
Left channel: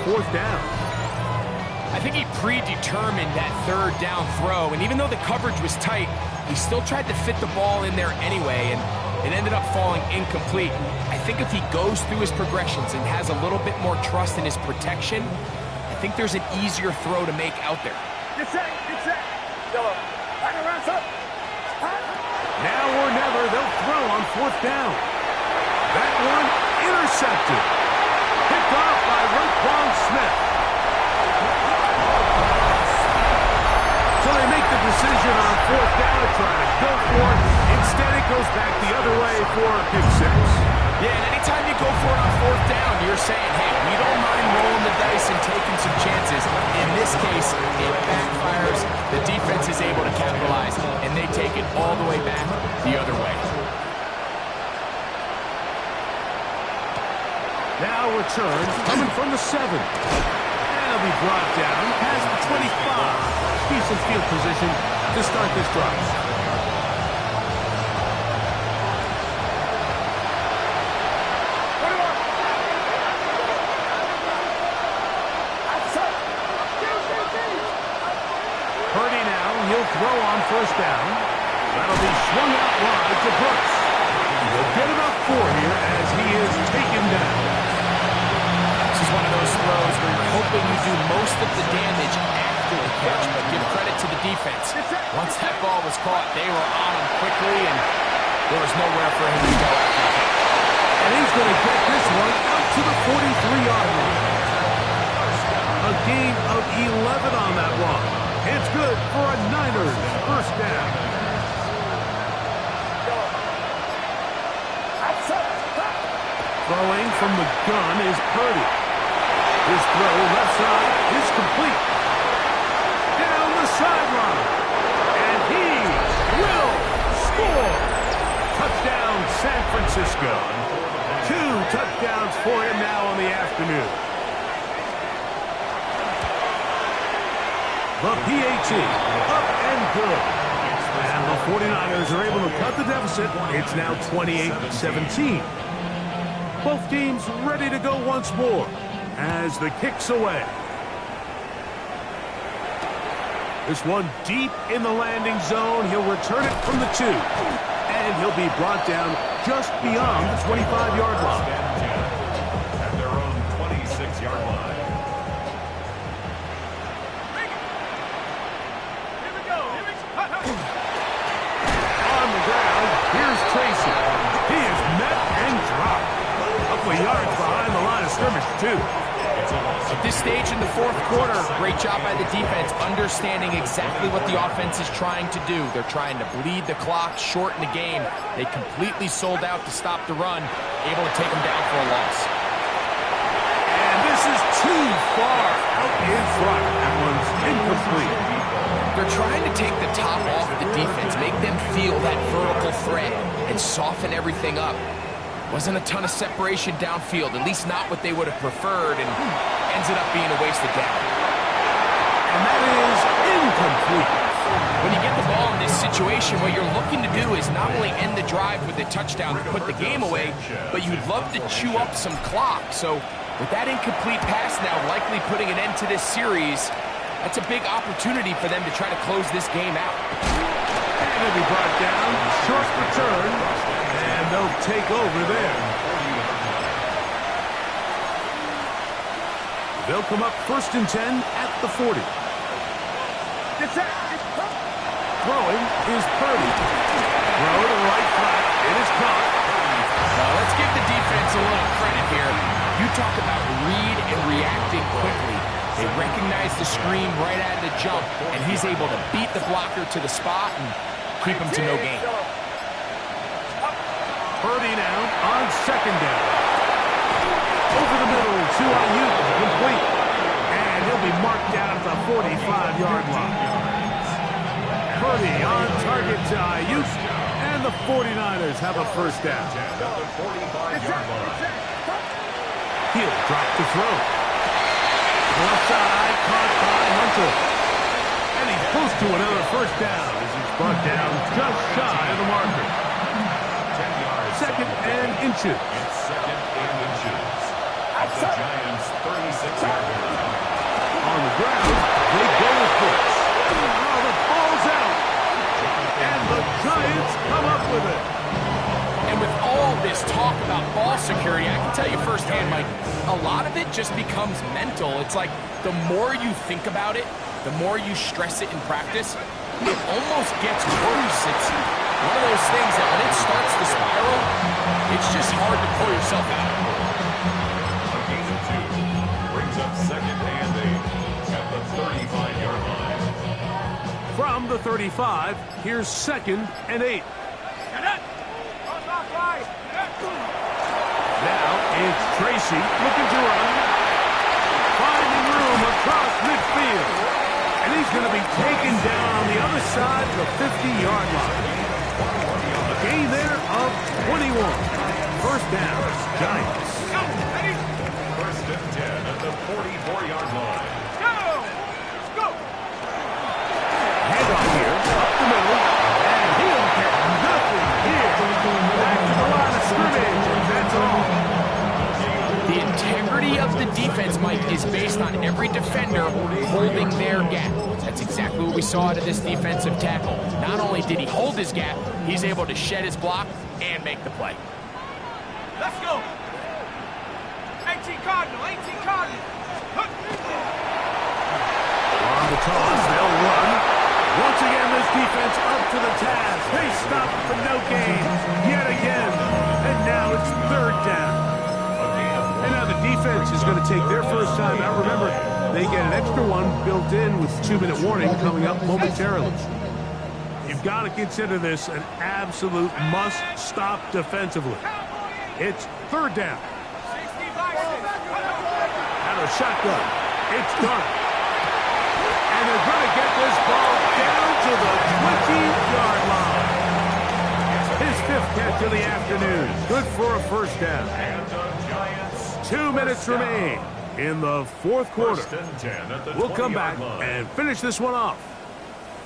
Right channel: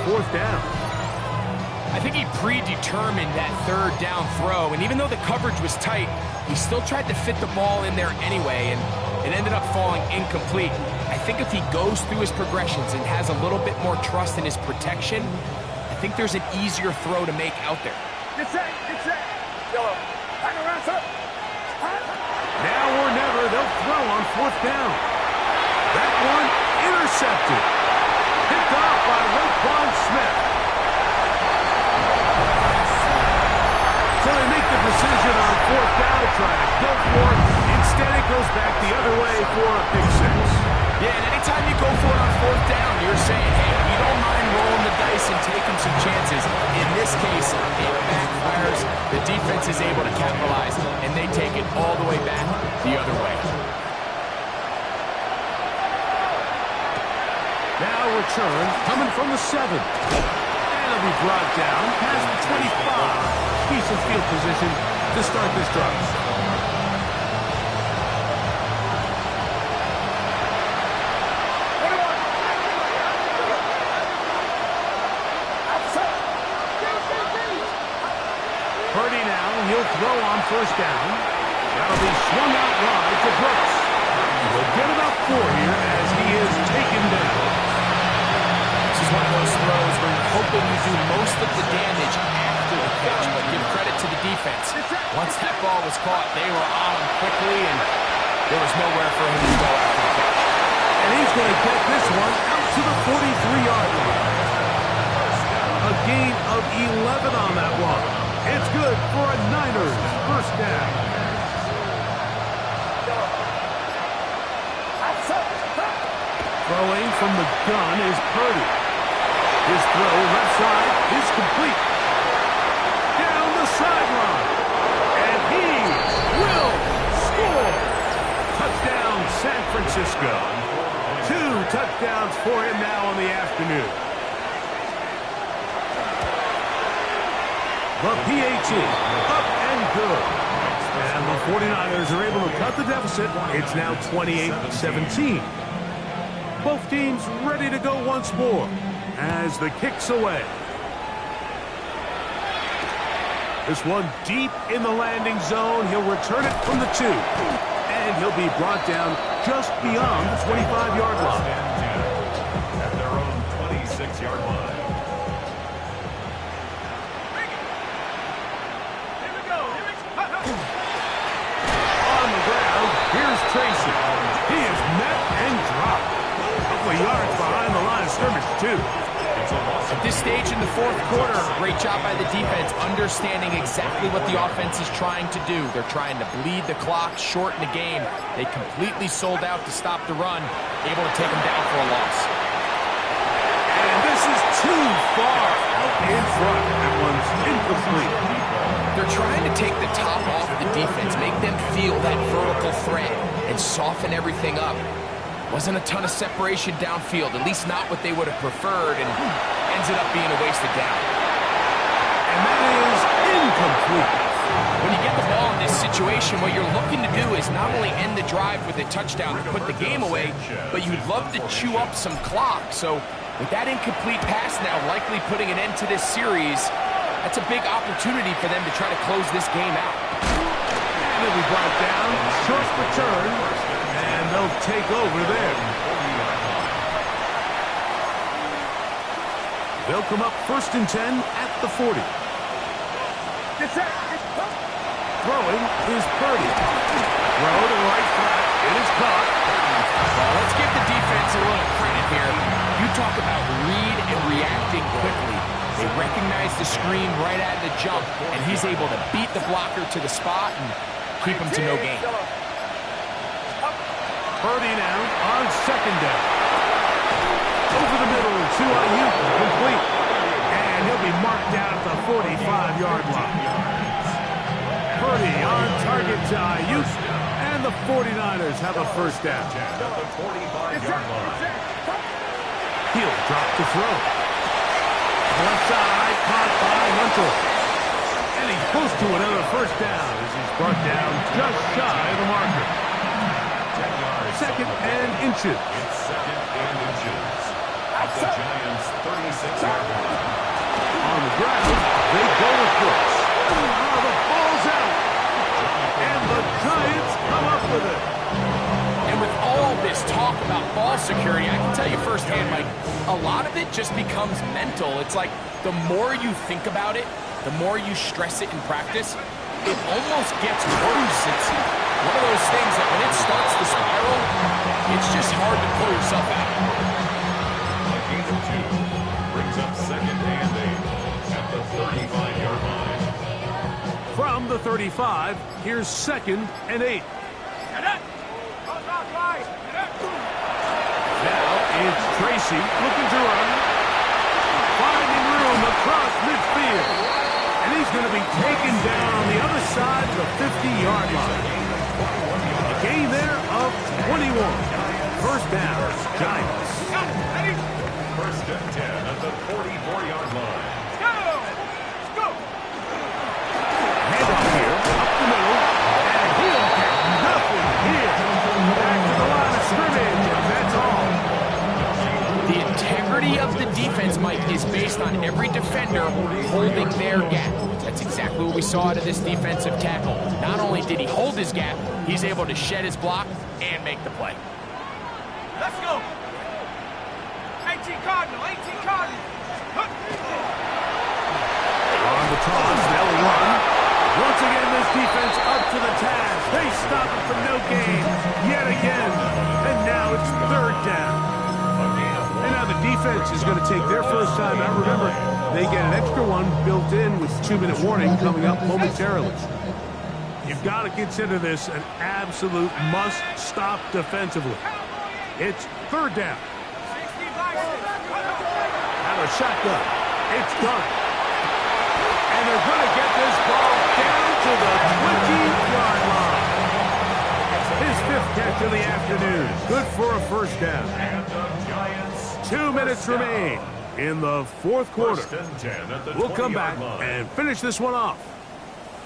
fourth down. I think he predetermined that third down throw, and even though the coverage was tight, he still tried to fit the ball in there anyway, and it ended up falling incomplete. I think if he goes through his progressions and has a little bit more trust in his protection, I think there's an easier throw to make out there. Get set. Yellow. Now or never, they'll throw on fourth down. That one intercepted. Picked off by Roquan Smith. So they make the decision on 4th down to try to go for it. Instead, it goes back the other way for a pick 6. Yeah, and anytime you go for it on 4th down, you're saying, hey, we don't mind rolling the dice and taking some chances. In this case, it backfires. The defense is able to capitalize, and they take it all the way back the other way. Now return coming from the 7. And it'll be brought down past the 25. Decent field position to start this drive. Purdy now, he'll throw on 1st down. That'll be swung out wide to Brooks. He'll get about 4 here as he is taken down. This is one of those throws where you're hoping you do most of the damage after the catch, but give credit to the defense. Once that ball was caught, they were on him quickly, and there was nowhere for him to go after the catch. And he's going to get this one out to the 43-yard line. A gain of 11 on that one. It's good for a Niners 1st down. Throwing from the gun is Purdy. His throw left side is complete. Down the sideline. And he will score. Touchdown, San Francisco. 2 touchdowns for him now on the afternoon. The PAT, up and good. And the 49ers are able to cut the deficit. It's now 28-17. Both teams ready to go once more as the kick's away. This one deep in the landing zone. He'll return it from the 2. And he'll be brought down just beyond the 25-yard line. At their own 26-yard line. On the ground, here's Tracy. He is met and dropped. A couple of yards behind the line of scrimmage, too. At this stage in the 4th quarter, great job by the defense, understanding exactly what the offense is trying to do. They're trying to bleed the clock, shorten the game. They completely sold out to stop the run, able to take them down for a loss. And this is too far out in front. That one's incomplete. They're trying to take the top off the defense, make them feel that vertical threat, and soften everything up. Wasn't a ton of separation downfield, at least not what they would have preferred, and ended up being a wasted down. And that is incomplete. When you get the ball in this situation, what you're looking to do is not only end the drive with a touchdown to put the game away, but you'd love to chew up some clock. So with that incomplete pass now likely putting an end to this series, that's a big opportunity for them to try to close this game out. And he'll be brought down, short return, and they'll take over there. They'll come up 1st and 10 at the 40. Throwing is Purdy. Throw to the right flat. It is caught. Well, let's give the defense a little credit here. You talk about read and reacting quickly. They recognize the screen right out of the jump, and he's able to beat the blocker to the spot and keep him to no gain. Purdy now on 2nd down. Over the middle to Ayuk, complete. And he'll be marked down at the 45-yard line. Purdy on target to Ayuk, and the 49ers have a 1st down. At the 45-yard line. He'll drop to throw. Left side, caught by Hunter. And he's close to another 1st down as he's brought down just shy of the marker. 10 yards. 2nd and inches. It's 2nd and inches. At the Giants' 36-yard line. On the ground, they go with Brooks. Oh, the ball's out. And the Giants come up with it. And with all this talk about ball security, I can tell you firsthand, Mike, a lot of it just becomes mental. It's like the more you think about it, the more you stress it in practice, it almost gets worse. It's one of those things that when it starts to spiral, it's just hard to pull yourself out. A gain of 2 brings up 2nd and 8 at the 35-yard line. from the 35. Here's 2nd and 8. Now it's Tracy looking to run. Finding room across midfield. And he's going to be taken down on the other side of the 50-yard line. A gain there of 21. First down, Giants. First and 10 at the 44-yard line. Handoff here, up the middle, and he'll get nothing here. Back to the line of scrimmage, and that's all. The integrity of the defense, Mike, is based on every defender holding their gap. That's exactly what we saw out of this defensive tackle. Not only did he hold his gap, he's able to shed his block and make the play. Let's go. 18 Cardinal, 18 Cardinal. On the toss, they'll run. Once again, this defense up to the task. They stop it for no gain yet again. And now it's 3rd down. And now the defense is going to take their first time out. Remember, they get an extra one built in with 2-minute warning coming up momentarily. You've got to consider this an absolute must-stop defensively. It's 3rd down. Now the shotgun. It's done. And they're going to get this ball down to the 20-yard line. His 5th catch of the afternoon. Good for a first down. And the Giants. 2 minutes remain in the 4th quarter. First and 10 at the We'll come back 20-yard line. and finish this one off.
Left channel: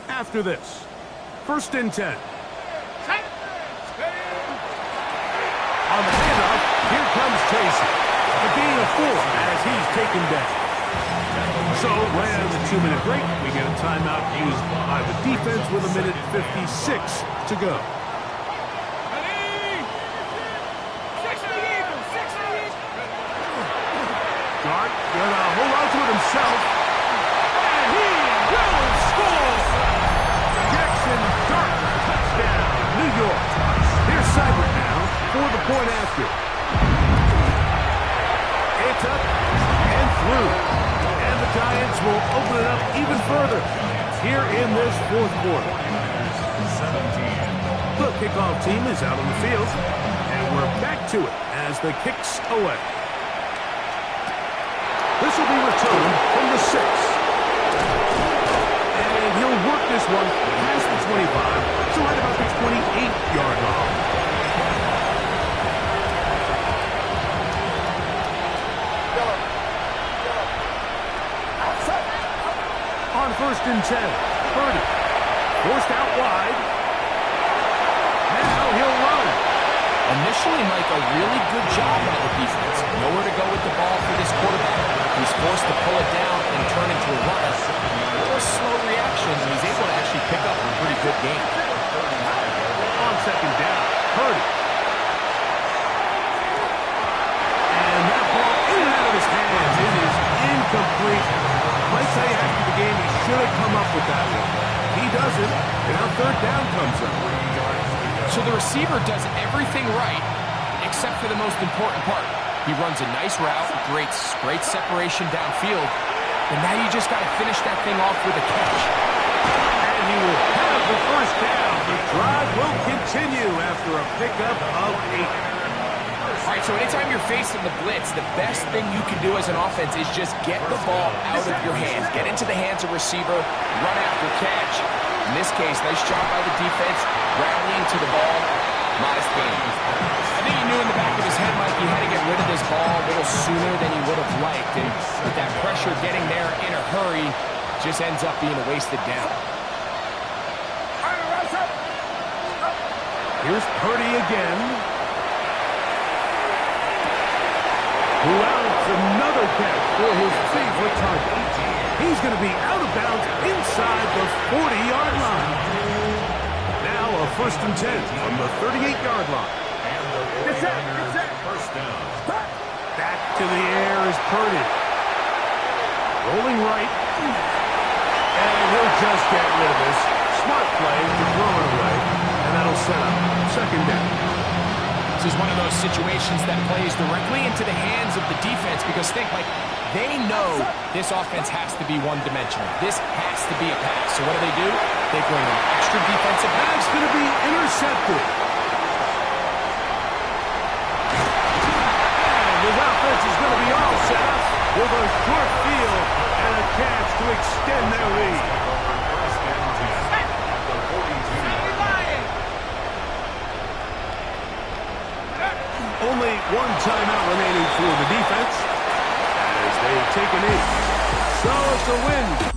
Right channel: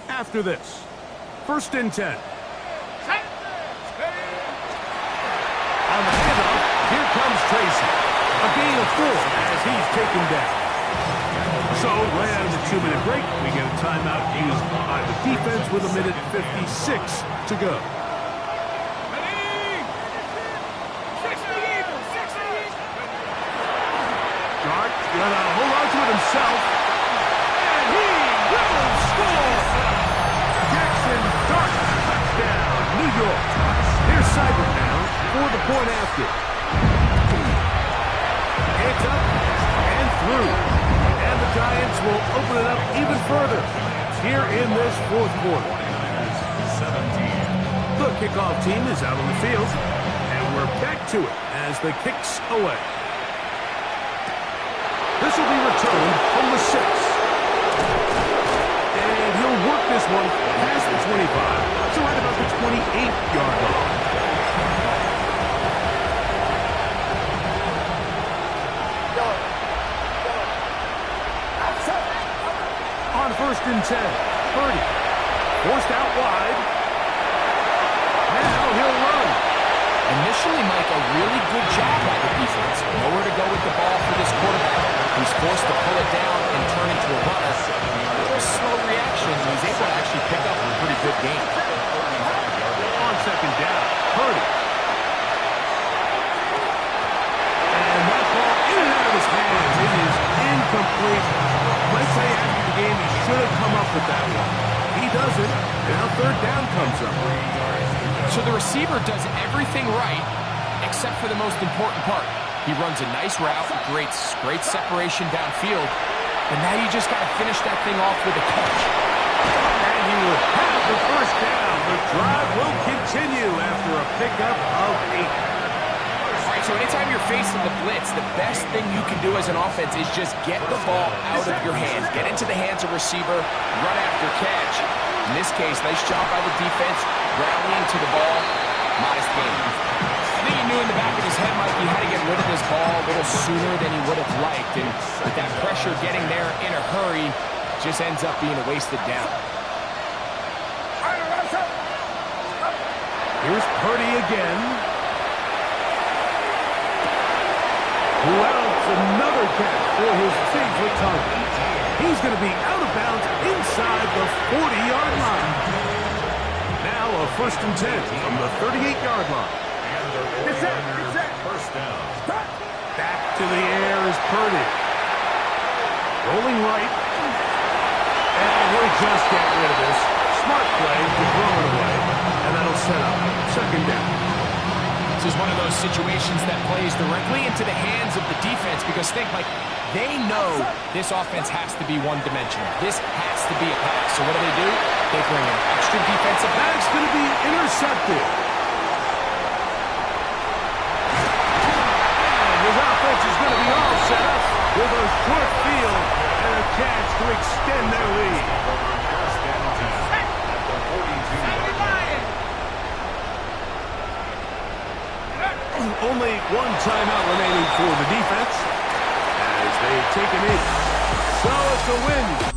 After this, 1st and 10. On the handoff, here comes Tracy. A gain of 4 as he's taken down. So, right out of the 2-minute break, we get a timeout used by the defense with 1:56 to go. Dart gonna hold on to it himself. And he will score! Jackson Dart, touchdown, New York. Here's Seibert now for the point after. It's up and through. And the Giants will open it up even further here in this 4th quarter. 17. The kickoff team is out on the field, and we're back to it as the kick's away. This will be returned from the 6. And he'll work this one past the 25, so right about the 28-yard line. On 1st and 10, Purdy forced out wide. Now he'll run. Initially, Mike, a really good job by the defense. Nowhere to go with the ball for this quarterback. He's forced to pull it down and turn into a runner. A little slow reaction, and he's able to actually pick up a pretty good game. On 2nd down, Purdy. And that ball in and out of his hands. It is incomplete. Might say after the game he should have come up with that one. He doesn't. Now 3rd down comes up. So the receiver does everything right, except for the most important part. He runs a nice route, great separation downfield, and now you just got to finish that thing off with a catch. And he will have the first down. The drive will continue after a pickup of 8. All right, so anytime you're facing the blitz, the best thing you can do as an offense is just get the ball out of your hands. Get into the hands of receiver, run after catch. In this case, nice job by the defense, rallying to the ball, modest gain. I think he knew in the back of his head, Mike, he had to get rid of this ball a little sooner than he would have liked. And with that pressure getting there in a hurry, just ends up being a wasted down. Here's Purdy again. Who else? Another catch for his favorite target. He's going to be out of bounds inside the 40-yard line. Now a 1st and 10 from the 38-yard line. And the 49ers first down. Back to the air is Purdy. Rolling right. And he'll just get rid of this. Smart play to throw it away. And that'll set up 2nd down. This is one of those situations that plays directly into the hands of the defense because think, like, They know this offense has to be one-dimensional. This has to be a pass. So what do? They bring an extra defensive pass. That's going to be intercepted. And his offense is going to be all set up with a short field and a chance to extend their lead. First and 10 at the 42-yard line. Only one timeout remaining for the defense as they take an knee. So it's a win